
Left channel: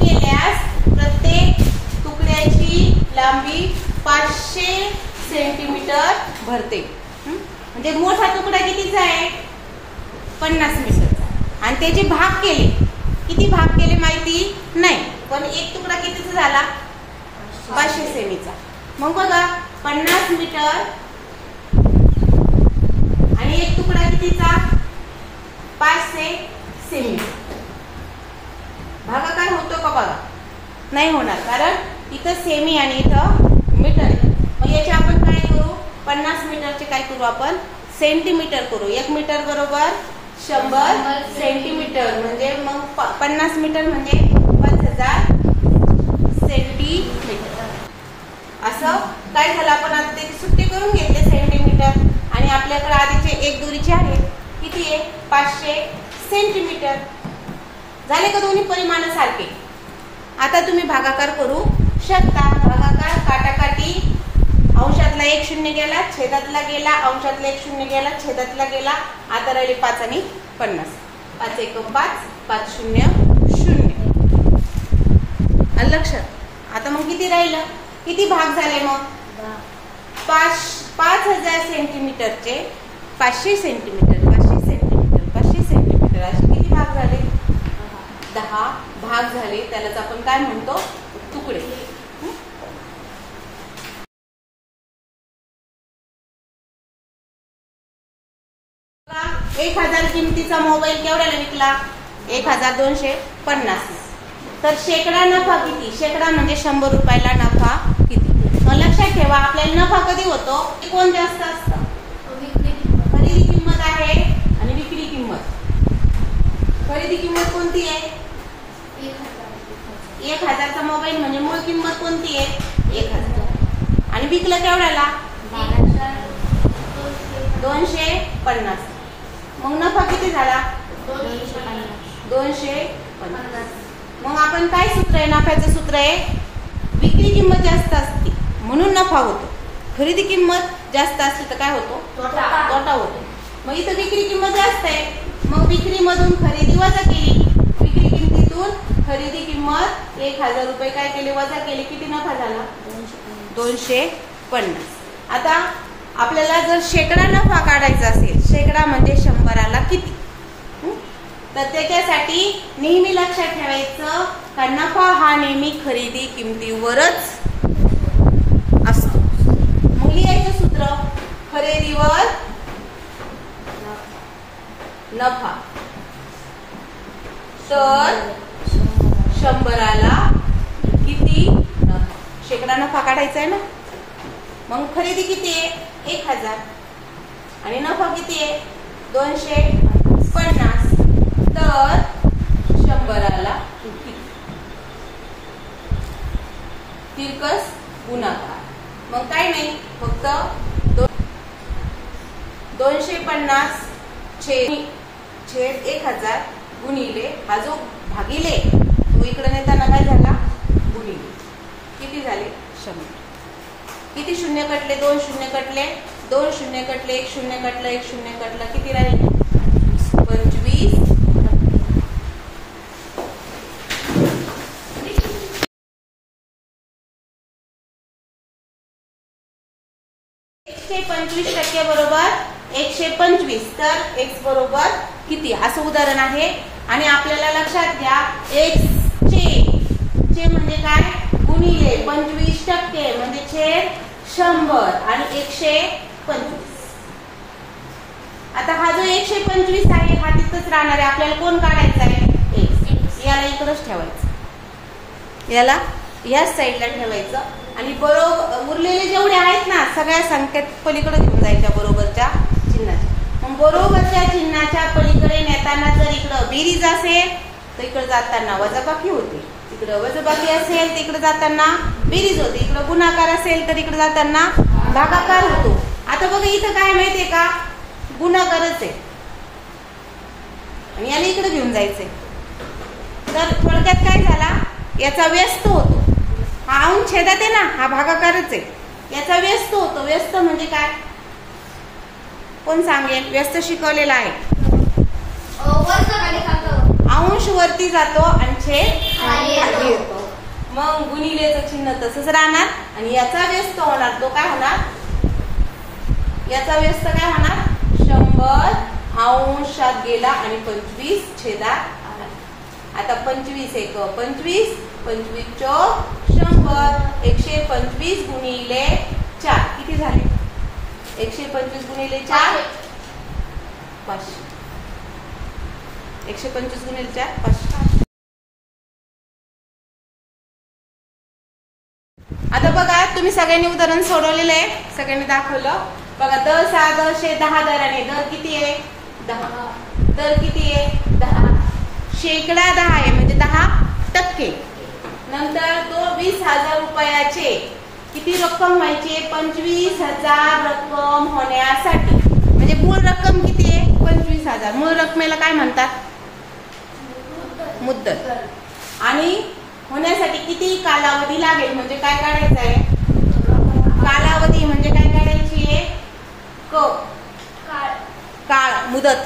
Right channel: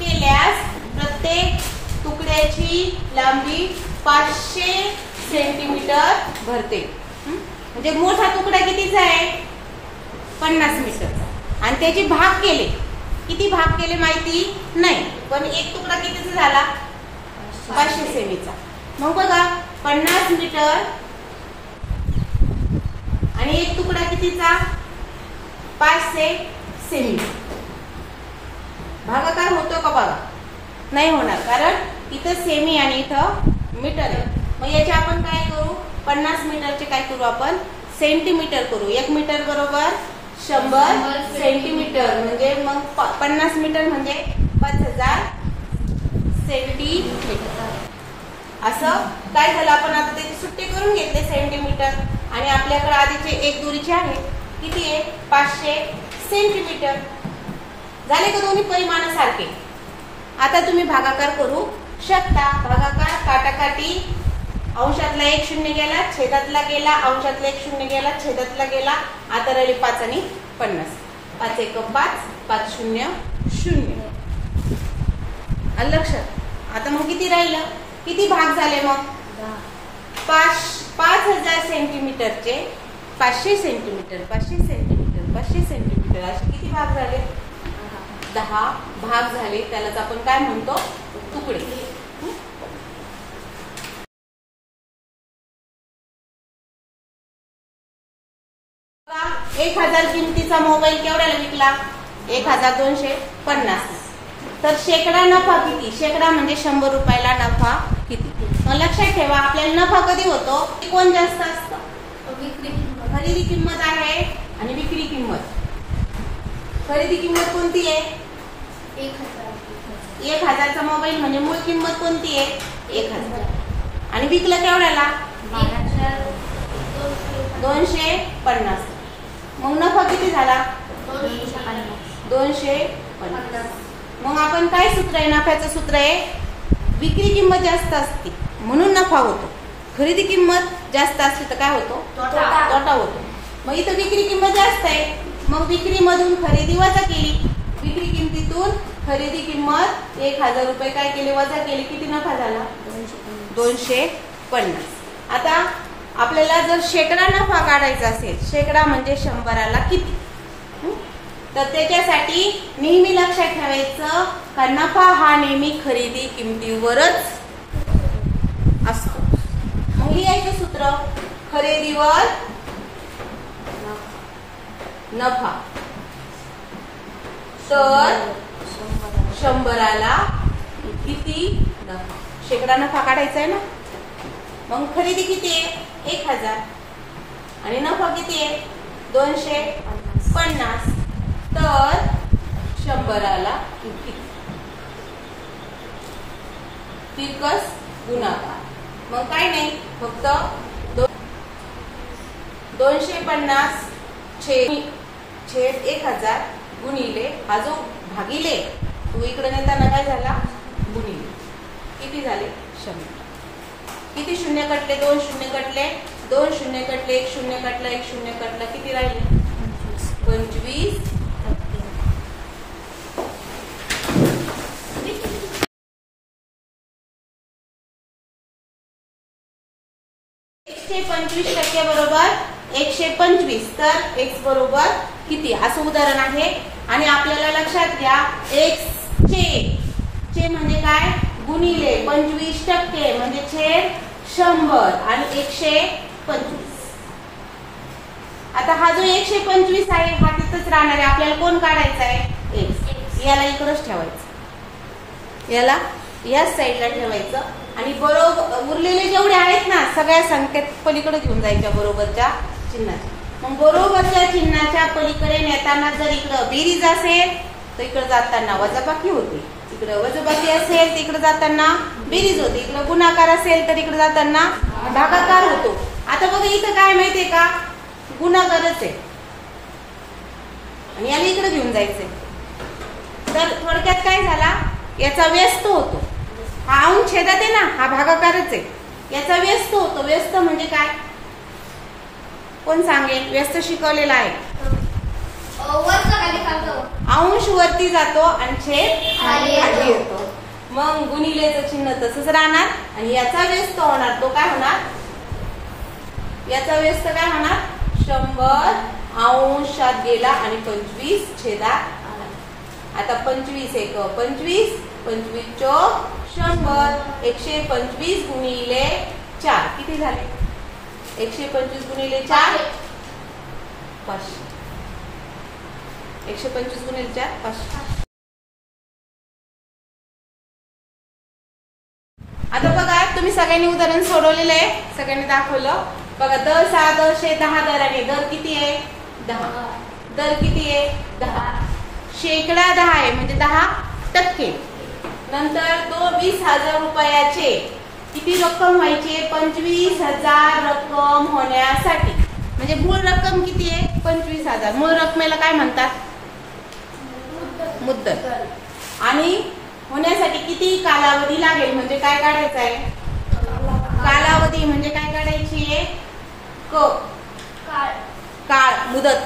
केल्यास प्रत्येक तुकड्याची लांबी 500 सेंटीमीटर भरते. म्हणजे मोठा तुकडा कितीचा आहे? 50 मीटरचा. आणि त्याचे भाग केले. किती भाग केले माहिती नाही, पण एक तुकडा कितीचा झाला? 500 सेमीचा. मग बघा 50 मीटर आणि एक तुकडा कितीचा? 500 सेमी. भागाकार होतो का? बघा नाही होणार, कारण इथं सेमी आणि इथं मीटर आहे. मग याचे आपण काय करू? 50 मीटरचे काय करू आपण? सेंटीमीटर करू. 1 मीटर बरोबर 100 सेंटीमीटर. म्हणजे मग 50 मीटर म्हणजे 5000 सेंटीमीटर. असं काय झालं? आपण आता त्याची सुट्टी करून घेतले सेंटीमीटर. आणि आपल्याकडे आधीचे एक दुरीचे आहे. किती आहे? 500 सेंटीमीटर. झाले का दोन्ही परिमाण सारखे? आता तुम्ही भागाकार करू शकता. भागाकार काटाकाटी. अंशातला 1 शून्य गेला, छेदातला गेला, अंशातला 1 शून्य गेला, छेदातला गेला. आता राहिले 5 आणि 50. 5 एक 5, 5 शून्य शून्य. लक्षात. आता मग किती राहिलं? किती भाग झाले मग? 5000 सेंटीमीटरचे 500 सेंटीमीटर, 500 सेंटीमीटर, 500 सेंटीमीटर असे किती भाग झाले? 10 भाग झाले. त्यालाच आपण काय म्हणतो? तुकडे. 1000 किमतीचा मोबाईल केवढ्याला विकला? 1250. तर शेकडा नफा किती? शेकडा म्हणजे 100 रुपयाला नफा किती? मग लक्षात ठेवा, आपल्याला नफा कधी होतो? कोण जास्त असतं? खरेदी किंमत आहे आणि विक्री किंमत. खरेदी किंमत कोणती आहे? 1000चा मोबाईल म्हणजे मूळ किंमत कोणती आहे? 1000. आणि विकलं केवढ्याला? 250. मग नफा किती झाला? 250. मग आपण काय सूत्र आहे? नफ्याचं सूत्र आहे विक्री किंमत जास्त असते म्हणून नफा होतो. खरेदी किंमत जास्त असली तर काय होतो? तोटा होतो. मग इथं विक्री किंमत जास्त आहे, मग विक्रीमधून खरेदी वजा केली. विक्री किंमतीतून खरेदी किंमत 1000 रुपये काय केले? वजा केले. किती नफा झाला? 250. आता आपल्याला जर शेकडा नफा काढायचा असेल, शेकडा म्हणजे 100ला किती, तर त्याच्यासाठी नेहमी लक्षात ठेवायचं का नफा हा नेहमी खरेदी किमतीवरच असतो. मग लिहायचं सूत्र खरेदीवर नफा, तर 100ला किती नफा, शेकडा नफा काढायचा आहे ना. मग खरेदी किती आहे 1000 आणि नफा किती आहे 250, तर 100ला किती, तिरकस गुणाकार. मग काय नाही, फक्त 250 छेद 1000 गुणिले हा जो भागिले तो इकडे नेताना काय झाला गुणिले, किती झाले 100. किती शून्य कटले, 2 शून्य कटले, 2 शून्य कटले, 1 शून्य कटलं, 1 शून्य कटलं, किती राहिले 25. 125% बरोबर 125, तर x बरोबर किती असं उदाहरण आहे. आणि आपल्याला लक्षात घ्या x चे म्हणजे काय गुणिले 25% म्हणजे छेद 100 आणि 125. आता हा जो 125 आहे हा तिथंच राहणार आहे. आपल्याला कोण काढायचा आहे x, याला इकडेच ठेवायचं, याला याच साईडला ठेवायचं आणि बरोबर उरलेले जेवढे आहेत ना सगळ्या संख्येत पलीकडे घेऊन जायच्या बरोबरच्या चिन्हाच्या. मग बरोबरच्या चिन्हाच्या पलीकडे नेताना जर इकडं बेरीज असेल तर इकडे जाताना वजाबाकी होते, इकडे वजाबाकी असेल तर इकडे जाताना बेरीज होते, इकडे गुणाकार असेल तर इकडे जाताना भागाकार होतो. आता बघा इथं काय माहितीये का गुणाकारच आहे आणि याला इकडे घेऊन जायचंय. तर थोडक्यात काय झाला याचा व्यस्त होतो, हा अंश छेदात आहे ना हा भागाकारच आहे, याचा व्यस्त होतो. व्यस्त म्हणजे काय कोण सांगेल, व्यस्त शिकवलेला आहे. अंश वरती जातो आणि छेद खाली येतो. मग गुणिलेचं चिन्ह तसंच राहणार आणि याचा व्यस्त होणार, तो काय होणार याचा व्यस्त काय होणार 100 अंशात गेला आणि 25 छेदात आला. आता 25 एक 25, 25 चौक 100, 125 गुणिले 4 किती झाले 125 गुणिले 4 500, 125 गुणिले 4 500. आता बघा तुम्ही सगळ्यांनी उदाहरण सोडवलेलं आहे, सगळ्यांनी दाखवलं. बघा दर 6 दर 10 दर आहे. दर किती आहे 10, दर किती आहे 10, शेकडा 10 आहे म्हणजे 10%. नंतर तो 20,000 रुपयाचे किती रक्कम व्हायची 25,000 रक्कम होण्यासाठी, म्हणजे मूळ रक्कम किती आहे 25,000. मूळ रकमेला काय म्हणतात मुद्दल. आणि होण्यासाठी किती कालावधी लागेल म्हणजे काय काढायचं आहे कालावधी म्हणजे काय काढायची आहे काळ मुदत.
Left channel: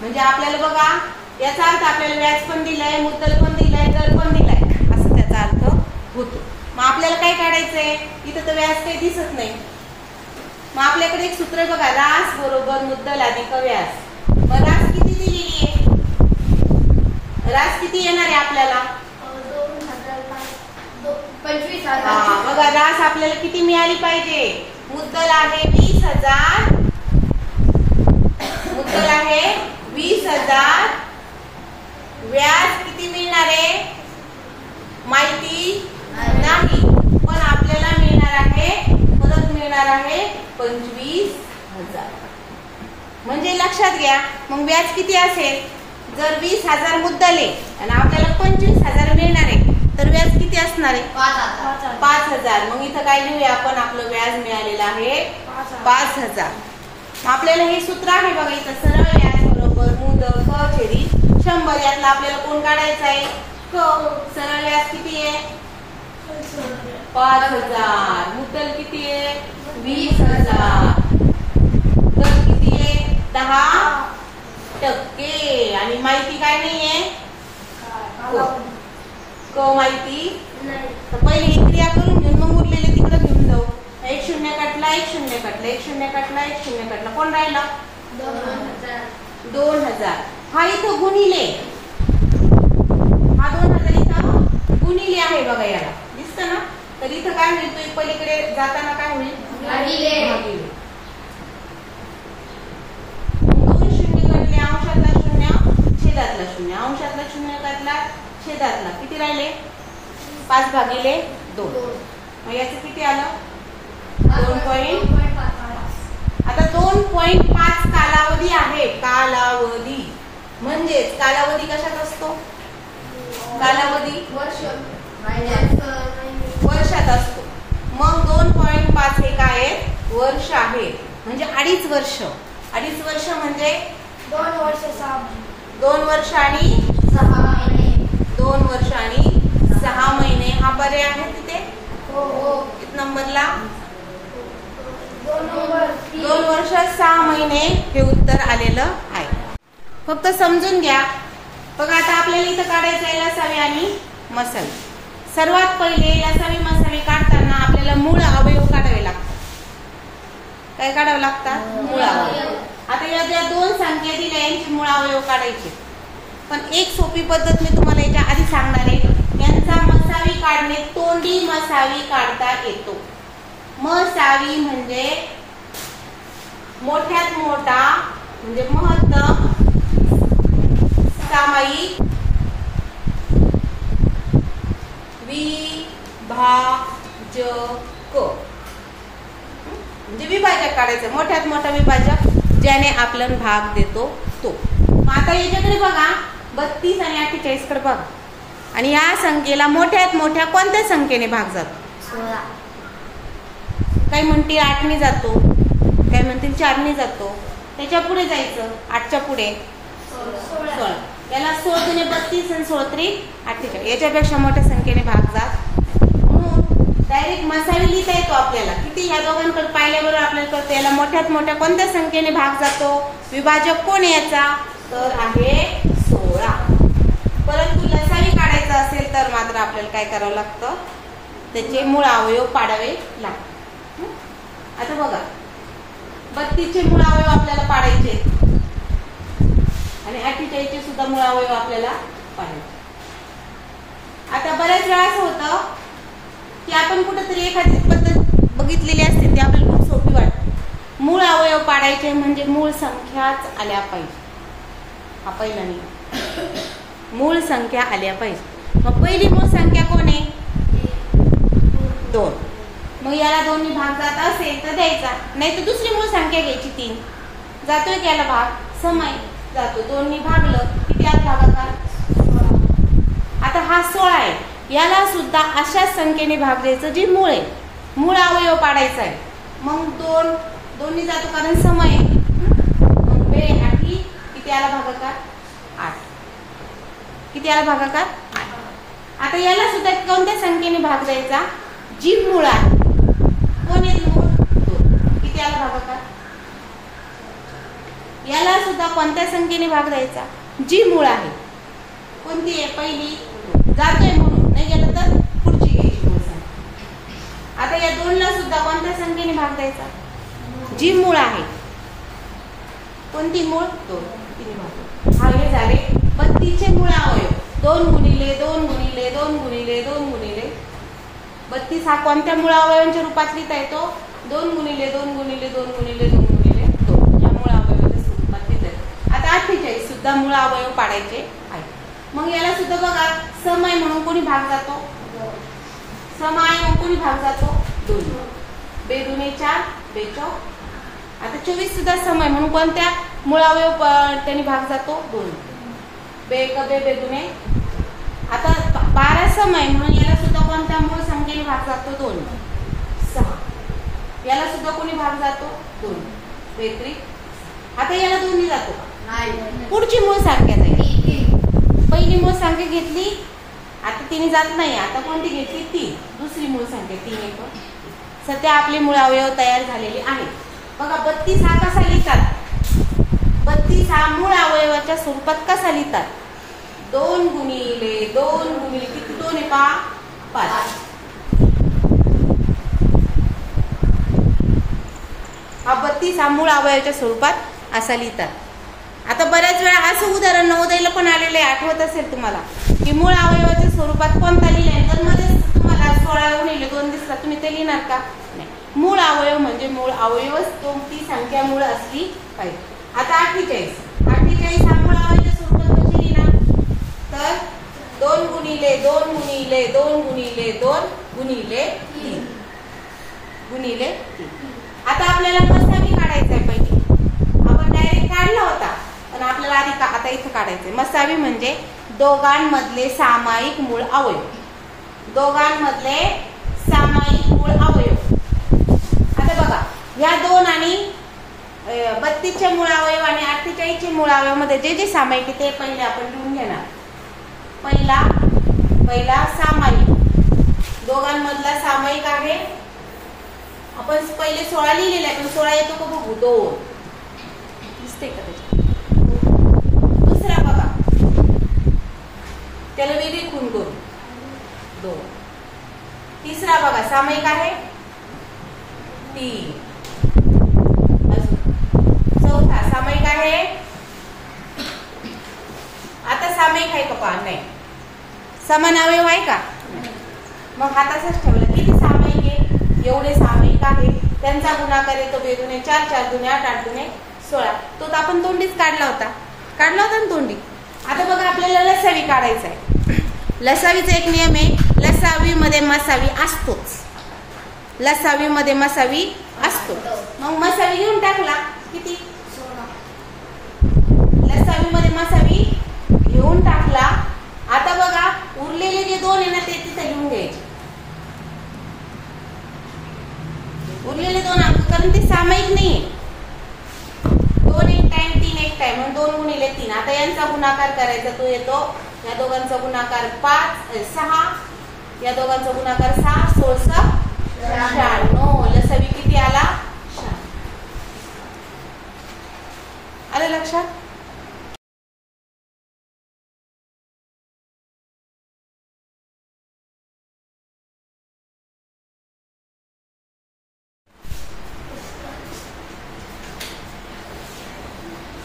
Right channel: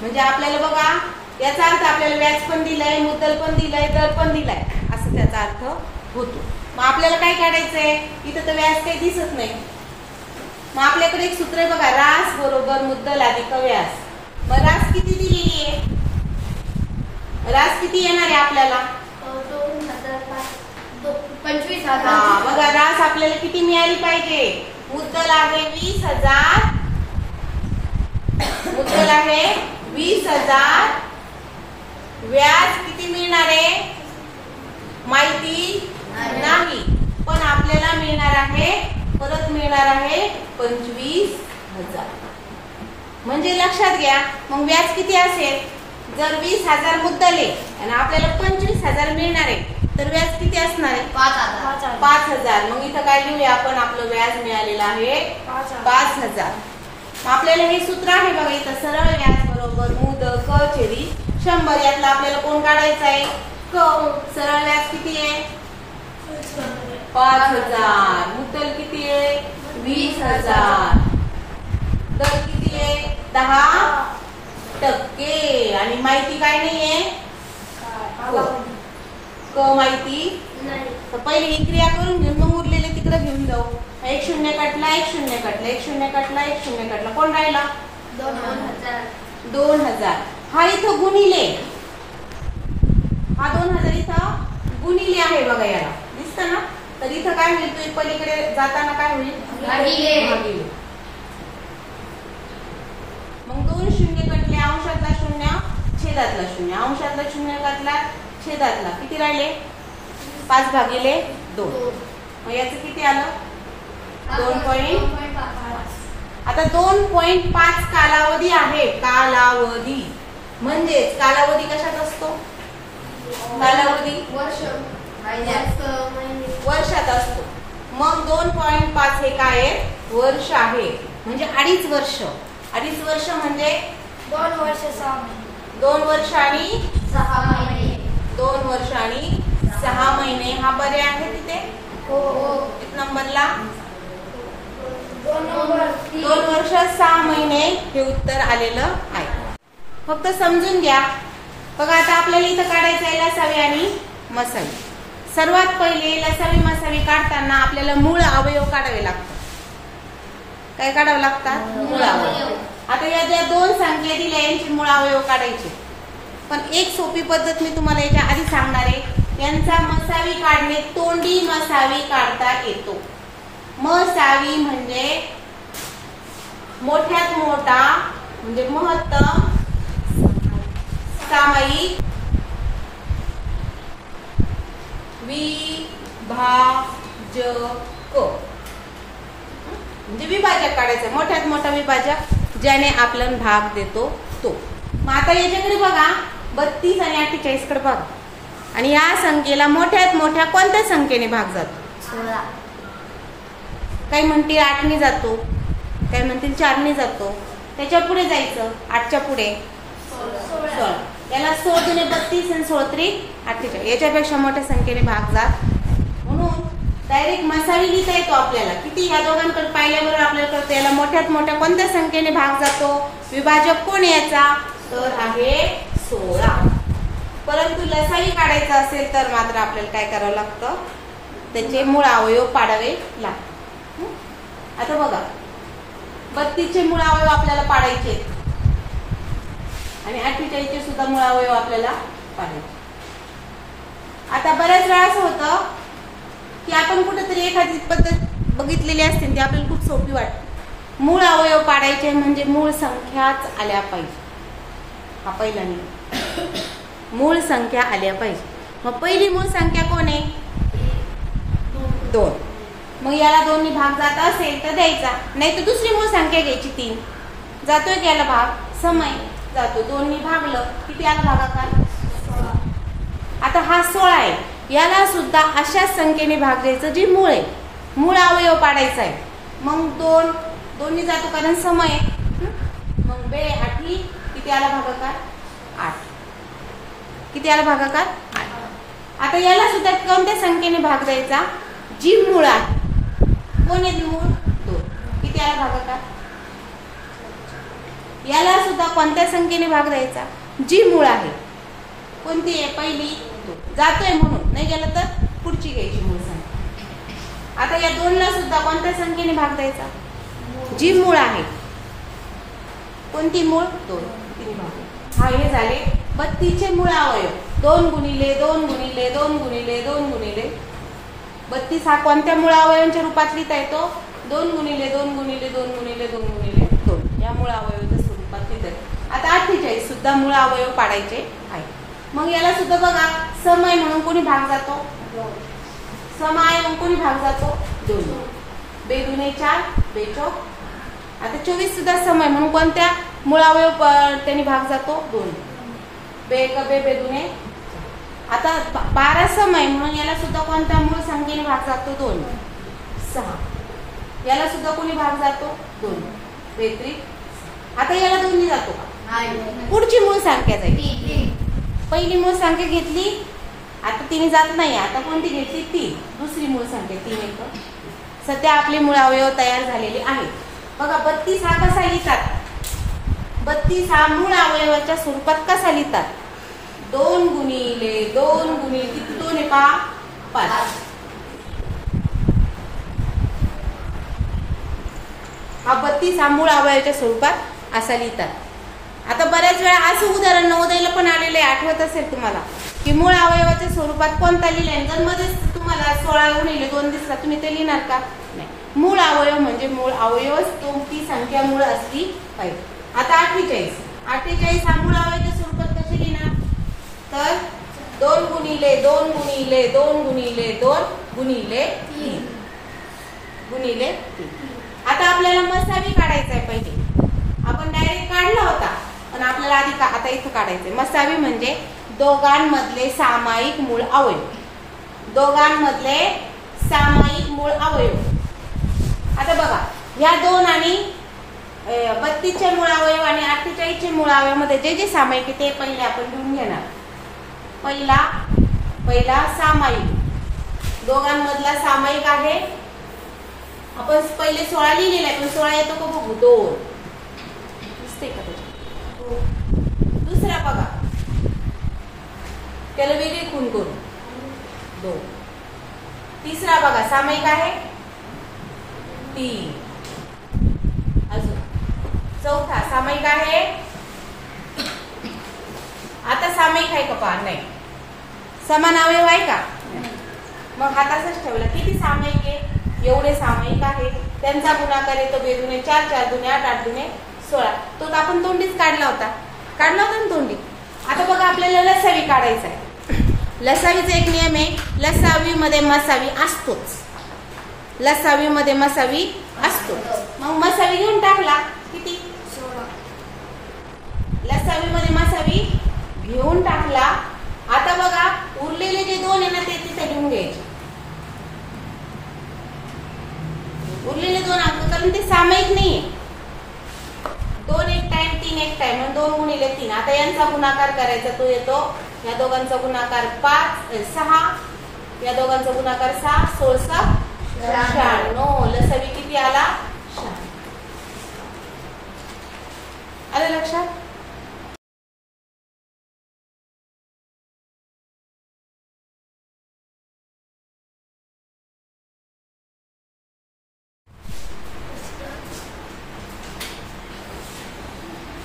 म्हणजे आपल्याला बघा याचा अर्थ आपल्याला व्याज पण दिलंय, मुद्दल पण दिलंय, दर पण दिलाय असं त्याचा अर्थ होतो. मग आपल्याला काय काढायचंय इथं तर व्याज काही दिसत नाही. मग आपल्याकडे एक सूत्र आहे बघा रास बरोबर मुद्दल अधिक व्याज. मग रास किती दिलेली आहे, रास किती येणार आहे आपल्याला 25,000. बघा रास आपल्याला किती मिळाली पाहिजे, मुद्दल आहे 20,000, मुद्दल आहे 20,000, व्याज किती मिळणार आहे माहिती नाही पण आपल्याला मिळणार आहे परत मिळणार आहे 25,000. म्हणजे लक्षात घ्या मग व्याज किती असेल, जर 20,000 मुद्दल आहे आणि आपल्याला 25,000 मिळणार आहे तर व्याज किती असणार आहे 5,000. मग इथं काय लिहूया आपण आपलं व्याज मिळालेलं आहे 5,000. आपल्याला हे सूत्र आहे बघा इथं सरळ व्याज बरोबर मुद्दल क छेदी 100. यातला आपल्याला कोण काढायचं आहे क. सरळ व्याज किती आहे 5,000, मुद्दल किती आहे 20,000, दर किती आहे 10% आणि माहिती काय नाहीये क माहिती. तर पहिले ही क्रिया करून घेऊन मग उरलेले तिकडे घेऊन जाऊ. एक शून्य कटला, एक शून्य कटला, एक शून्य कटला, एक शून्य कटला, कोण राहिला? 2000. हा इथं गुणिले, हा 2000 इथं गुणिले आहे बघा, याला दिसतं ना. तर इथं काय होईल, तो पलीकडे जाताना काय होईल? भागिले. दोन शून्य कटले, अंशातला शून्य, छेदातला शून्य, अंशातला शून्य कटला, छेदातला, किती राहिले? 5/2. मग याचं किती आलं? 2.5. आता 2.5 कालावधी आहे. कालावधी म्हणजेच कालावधी कशात असतो? कालावधी वर्षात असतो. मग 2.5 हे काय आहे? वर्ष आहे. म्हणजे 2.5 वर्ष. 2.5 वर्ष म्हणजे 2 वर्ष 6 महिने. 2 वर्ष आणि 6 महिने. 2 वर्ष आणि 6 महिने. हा पर्याय आहे तिथे? हो. किती नंबरला? 2 वर्ष 6 महिने हे उत्तर आलेलं आहे. फक्त समजून घ्या. बघा आता आपल्याला इथं काढायचं आहे लसावी आणि मसावी. सर्वात पहिले लसावी मसावी काढताना आपल्याला मूळ अवयव काढावे लागतात. काय काढावे लागतात? मूळ अवयव. आता या ज्या 2 संख्या दिल्या यांचे मूळ अवयव काढायचे. पण एक सोपी पद्धत मी तुम्हाला याच्या आधी सांगणार आहे. यांचा मसावी काढणे, तोंडी मसावी काढता येतो. मसावी म्हणजे मोठ्यात मोठा म्हणजे महत्तम सामायिक विभाजक. म्हणजे विभाजक काढायचं, मोठ्यात मोठा विभाजक ज्याने आपल्याला भाग देतो तो. मग आता याच्याकडे बघा, 32 आणि 48 कडे बघा. आणि या संख्येला मोठ्यात मोठ्या कोणत्या संख्येने भाग जातो? 16. काही म्हणतील 8 ने जातो, काही म्हणतील 4 ने जातो. त्याच्या पुढे जायचं, 8च्या पुढे 16. याला 16 दुने 32 आणि 16 त्रिक 48. याच्यापेक्षा मोठ्या संख्येने भाग जात. म्हणून डायरेक्ट मसावी लिहिता येतो आपल्याला. किती? ह्या दोघांकडे पाहिल्याबरोबर आपल्याला कळतं याला मोठ्यात मोठ्या कोणत्या संख्येने भाग जातो. विभाजक कोण याचा? तर आहे 16. परंतु लसावी काढायचं असेल तर मात्र आपल्याला काय करावं लागतं? त्याचे मूळ अवयव पाडावे लागतात. आता बघा, 32 चे मूळ अवयव आपल्याला पाडायचे आणि 48 चे सुद्धा मूळ अवयव आपल्याला पाडायचे. आता बऱ्याच वेळा असं होतं की आपण कुठेतरी एखादी पद्धत बघितलेली असते, ती आपल्याला खूप सोपी वाटते. मूळ अवयव पाडायचे म्हणजे मूळ संख्याच आल्या पाहिजे. हा पहिला नियम, मूळ संख्या आल्या पाहिजे. मग पहिली मूळ संख्या कोण आहे? 2. मग याला 2 नी भाग जात असेल तर द्यायचा, नाही तर दुसरी मूळ संख्या घ्यायची 3. जातोय की याला भाग? समय जातो. 2 नी भागलं, किती आला भागाकार? आता हा 16 आहे. याला सुद्धा अशाच संख्येने भाग द्यायचं जी मूळ आहे. मूळ अवयव पाडायचा आहे. मग 2 नी जातो कारण समय आहे. मग 2 8 किती आला भागाकार? 8. किती आला भागाकार? 8. आता याला सुद्धा कोणत्या संख्येने भाग द्यायचा? जी मूळ आहे. कोण येते मूळ? 2. किती आला भागाकार? याला सुद्धा कोणत्या संख्येने भाग द्यायचा? जी मूळ आहे. कोणती आहे? पहिली. 2. जातोय म्हणून, नाही गेलं तर पुढची घ्यायची मूळ संख्या. आता या 2 ला सुद्धा कोणत्या संख्येने भाग द्यायचा? जी मूळ आहे. कोणती मूळ? 2. किती भाग? हा हे झाले 32 चे मूळ अवयव. 2 गुणिले 2 गुणिले 2 गुणिले 2 गुणिले 32 हा कोणत्या मूळ अवयवांच्या रूपात लिहिता येतो? 2 गुणिले 2 गुणिले 2 गुणिले 2 गुणिले 2 या मूळ अवयवाच्या स्वरूपात लिहिता येतो. आता 48 सुद्धा मूळ अवयव पाडायचे आहे. मग याला सुद्धा बघा, समय म्हणून कोणी भाग जातो? समय म्हणून कोणी भाग जातो? 2. 2 दुने 4, 2 4. आता 24 सुद्धा समय म्हणून कोणत्या मूळ अवयव त्यांनी भाग जातो? 2. 2 1 2 2 दुने. आता 12 समय म्हणून याला सुद्धा कोणत्या मूळ संख्येने भाग जातो? 2. 6. याला सुद्धा कोणी भाग जातो? 2. 2 3. आता याला 2 नी जातो का? पुढची मूळ संख्या जाईल. पहिली मूळ संख्या घेतली, आता 3 जात नाही. आता कोणती घेतली? 3. दुसरी मूळ संख्या 3 1. सध्या आपले मूळ अवयव तयार झालेले आहेत. बघा 32 हा कसा लिहितात? 32 हा मूळ अवयवाच्या स्वरूपात कसा लिहितात? 2 गुणिले 2 गुणिले किती? 2 आहे पा 5. हा 32 हा मूळ अवयवाच्या स्वरूपात असा लिहितात। आता बऱ्याच वेळा असं उदाहरण नवोदयला पण आलेलं आहे, आठवत असेल तुम्हाला की मूळ अवयवाच्या स्वरूपात कोणता लिहिलाय, तर मध्येच तुम्हाला 16×2 दिसला, तुम्ही ते लिहिणार का? नाही। मूळ अवयव म्हणजे मूळ अवयवच ती संख्या मूळ असली पाहिजे। आता 48 हा मूळ अवयवाच्या स्वरूपात कसे लिहिणार, तर 2 गुणिले 2 गुणिले 2 गुणिले 2 गुणिले 3 गुणिले 3। आता आपल्याला मसावी काढायचा आहे पाहिजे, आपण डायरेक्ट काढला होता पण आपल्याला आधी आता इथं काढायचंय। मसावी म्हणजे दोघांमधले सामायिक मूळ अवयव, दोघांमधले सामायिक मूळ अवयव। आता बघा या 2 आणि 32 चे मूळ अवयव आणि 48 चे मूळ अवयव मध्ये जे जे सामायिक आहे ते पहिले आपण लिहून घेणार। पहिला सामायिक, दोघांमधला सामायिक आहे, आपण पहिले 16 लिहिलेला आहे पण 16 येतो का बघू, 2 दिसते का? दुसरा बघा त्याला वेगळी खूण करू, 2। तिसरा बघा सामायिक आहे 3, अजून चौथा सामायिक आहे, आता सामायिक आहे का पहा, नाही। समान अवयव आहे का? मग हा तसाच ठेवला, किती सामायिक आहे, एवढे सामायिक आहे, त्यांचा गुणाकार येतो बेदुने 4, 4 दुने 8, 8 दुने 16, तो आपण तोंडीच काढला होता ना तोंडी। आता बघा आपल्याला लसावी काढायचा आहे। लसावीचा एक नियम आहे, लसावी मध्ये मसावी असतोच, लसावी मध्ये मसावी असतो। मग मसावी घेऊन टाकला, किती 16, लसावी मध्ये मसावी घेऊन टाकला। आता बघा उरलेले जे 2 आहे ना ते तिथे घेऊन घ्यायचे, उरलेले 2 अंक, कारण ते सामायिक नाही, 2 एक टाइम 3 एक टाइम, मग 2 गुणिले 3। आता यांचा गुणाकार करायचा, तो येतो या दोघांचा गुणाकार 6, या दोघांचा गुणाकार 6, 16, 96, लसावी किती आला, 6। आलं लक्षात?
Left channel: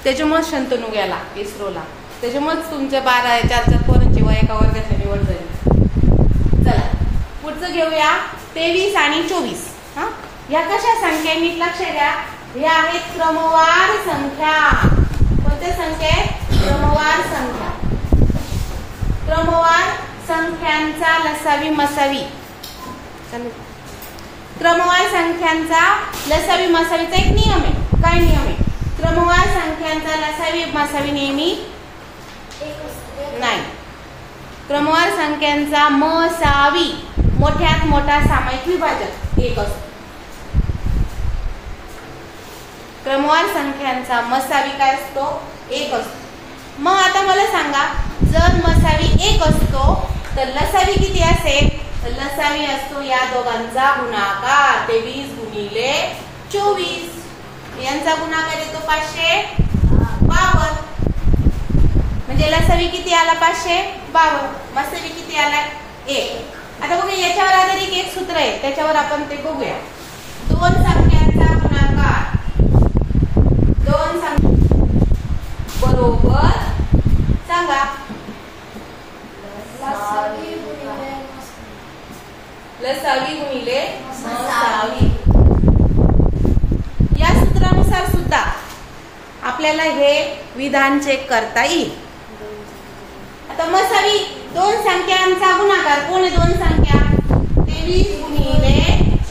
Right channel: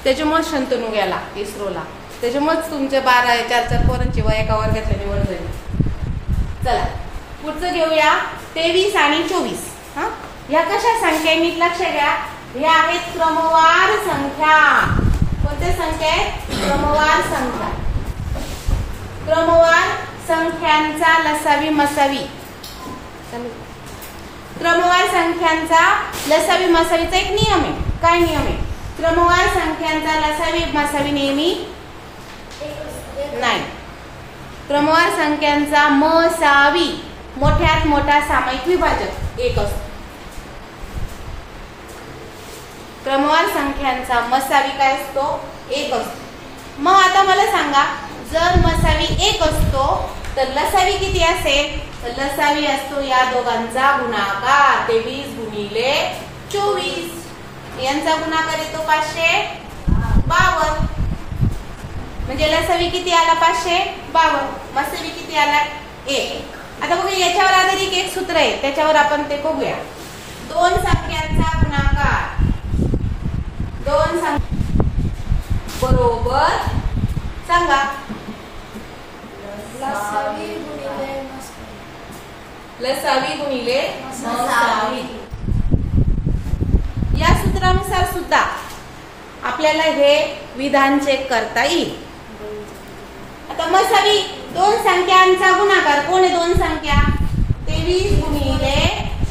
त्याच्यामुळे शंतनू गेला इस्रोला, त्याच्यामुळेच तुमच्या 4 पोरांची वय एका वर्गातल्या निवड झाली। चला पुढचं घेऊया, 23 आणि 24। या कशा संख्या नीट लक्ष घ्या, या आहेत क्रमवार संख्या। कोणत्या संख्या आहेत? क्रमवार संख्या। क्रमवार संख्यांचा लसावी मसावी, क्रमवार संख्यांचा लसावी मसावीचा एक नियम आहे। काय नियम आहे? क्रमवार संख्यांचा लसावी मसावी नेहमी नाही, क्रमवार संख्यांचा मसावी मोठ्यात मोठा सामायिक विभाजक 1 असतो। क्रमवार संख्यांचा मसावी काय असतो? 1 असतो। मग आता मला सांगा, जर मसावी 1 असतो तर लसावी किती असेल? तर लसावी असतो या दोघांचा गुणाकार, 23 गुणिले 24, यांचा गुणाकार येतो 552, म्हणजे लसावी किती आला? 552, मसावी किती आला? 1। आता बघा याच्यावर आधारित एक सूत्र आहे, त्याच्यावर आपण ते बघूया। 2 संख्यांचा गुणाकार, 2 संख्या बरोबर सांगा, लसावी गुणिले मसावी। या सूत्रानुसार सुद्धा आपल्याला हे विधान चेक करता येईल। आता मसावी 2 संख्यांचा गुणाकार, कोण आहे 2 संख्या? 23 गुणिले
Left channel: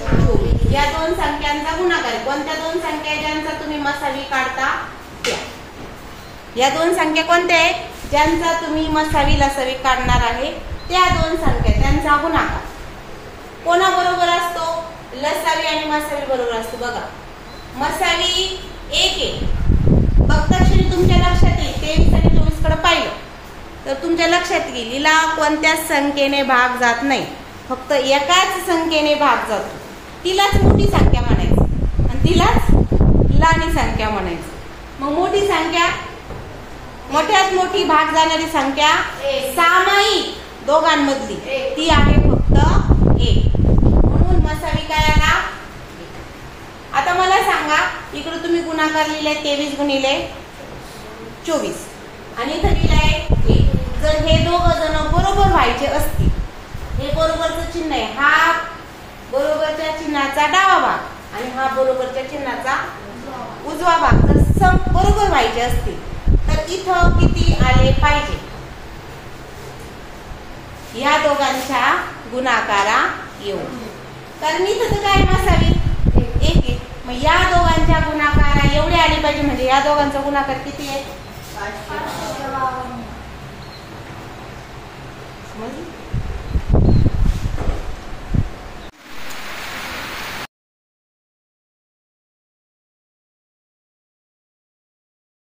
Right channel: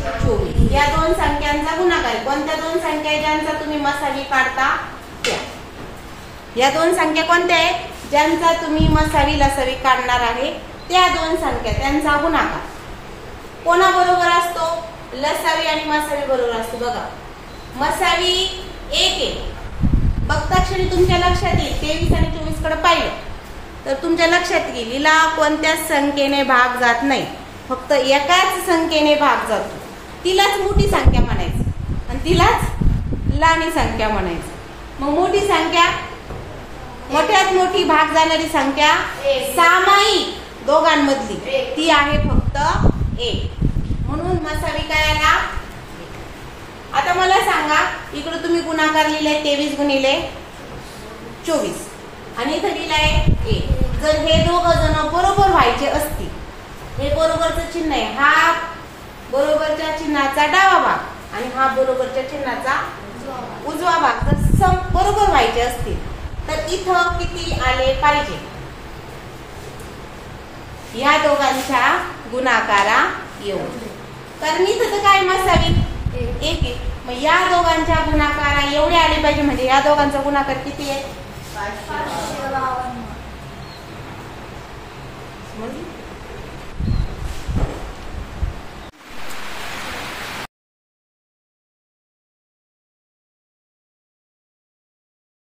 24, या 2 संख्यांचा गुणाकार। कोणत्या 2 संख्या आहे ज्यांचा तुम्ही मसावी काढता त्या? या 2 संख्या कोणत्या आहेत? ज्यांचा तुम्ही मसावी लसावी काढणार आहे त्या 2 संख्या, त्यांचा गुणाकार कोणाबरोबर असतो? लसावी आणि मसावी बरोबर असतो। बघा मसावी 1 आहे, बघता क्षणी तुमच्या लक्षात येईल, 23 आणि 24 कडे पाहिलं तर तुमच्या लक्षात येईल हिला कोणत्याच संख्येने भाग जात नाही, फक्त एकाच संख्येने भाग जातो, तिलाच मोठी संख्या म्हणायचं आणि तिलाच लहानी संख्या म्हणायचं। मग मोठी संख्या, मोठ्यात मोठी भाग जाणारी संख्या सामायिक दोघांमधली ती आहे फक्त 1, म्हणून मसावी काय आला? आता मला सांगा, इकडे तुम्ही गुणाकार लिहिलाय 23 गुणिले 24 आणि इथं लिहिलाय 1. जर हे दोघं जण बरोबर व्हायचे असतील, हे बरोबरचं चिन्ह आहे, हा बरोबरच्या चिन्हाचा डावा भाग आणि हा बरोबरच्या चिन्हाचा उजवा भाग जर बरोबर व्हायचे असतील तर इथं किती आले पाहिजे? या दोघांच्या गुणाकारा येऊन, कारण इथं तर काय असावी 1. मग या दोघांच्या गुणाकारा एवढे आले पाहिजे, म्हणजे या दोघांचा गुणाकार किती आहे? 552. समजलं?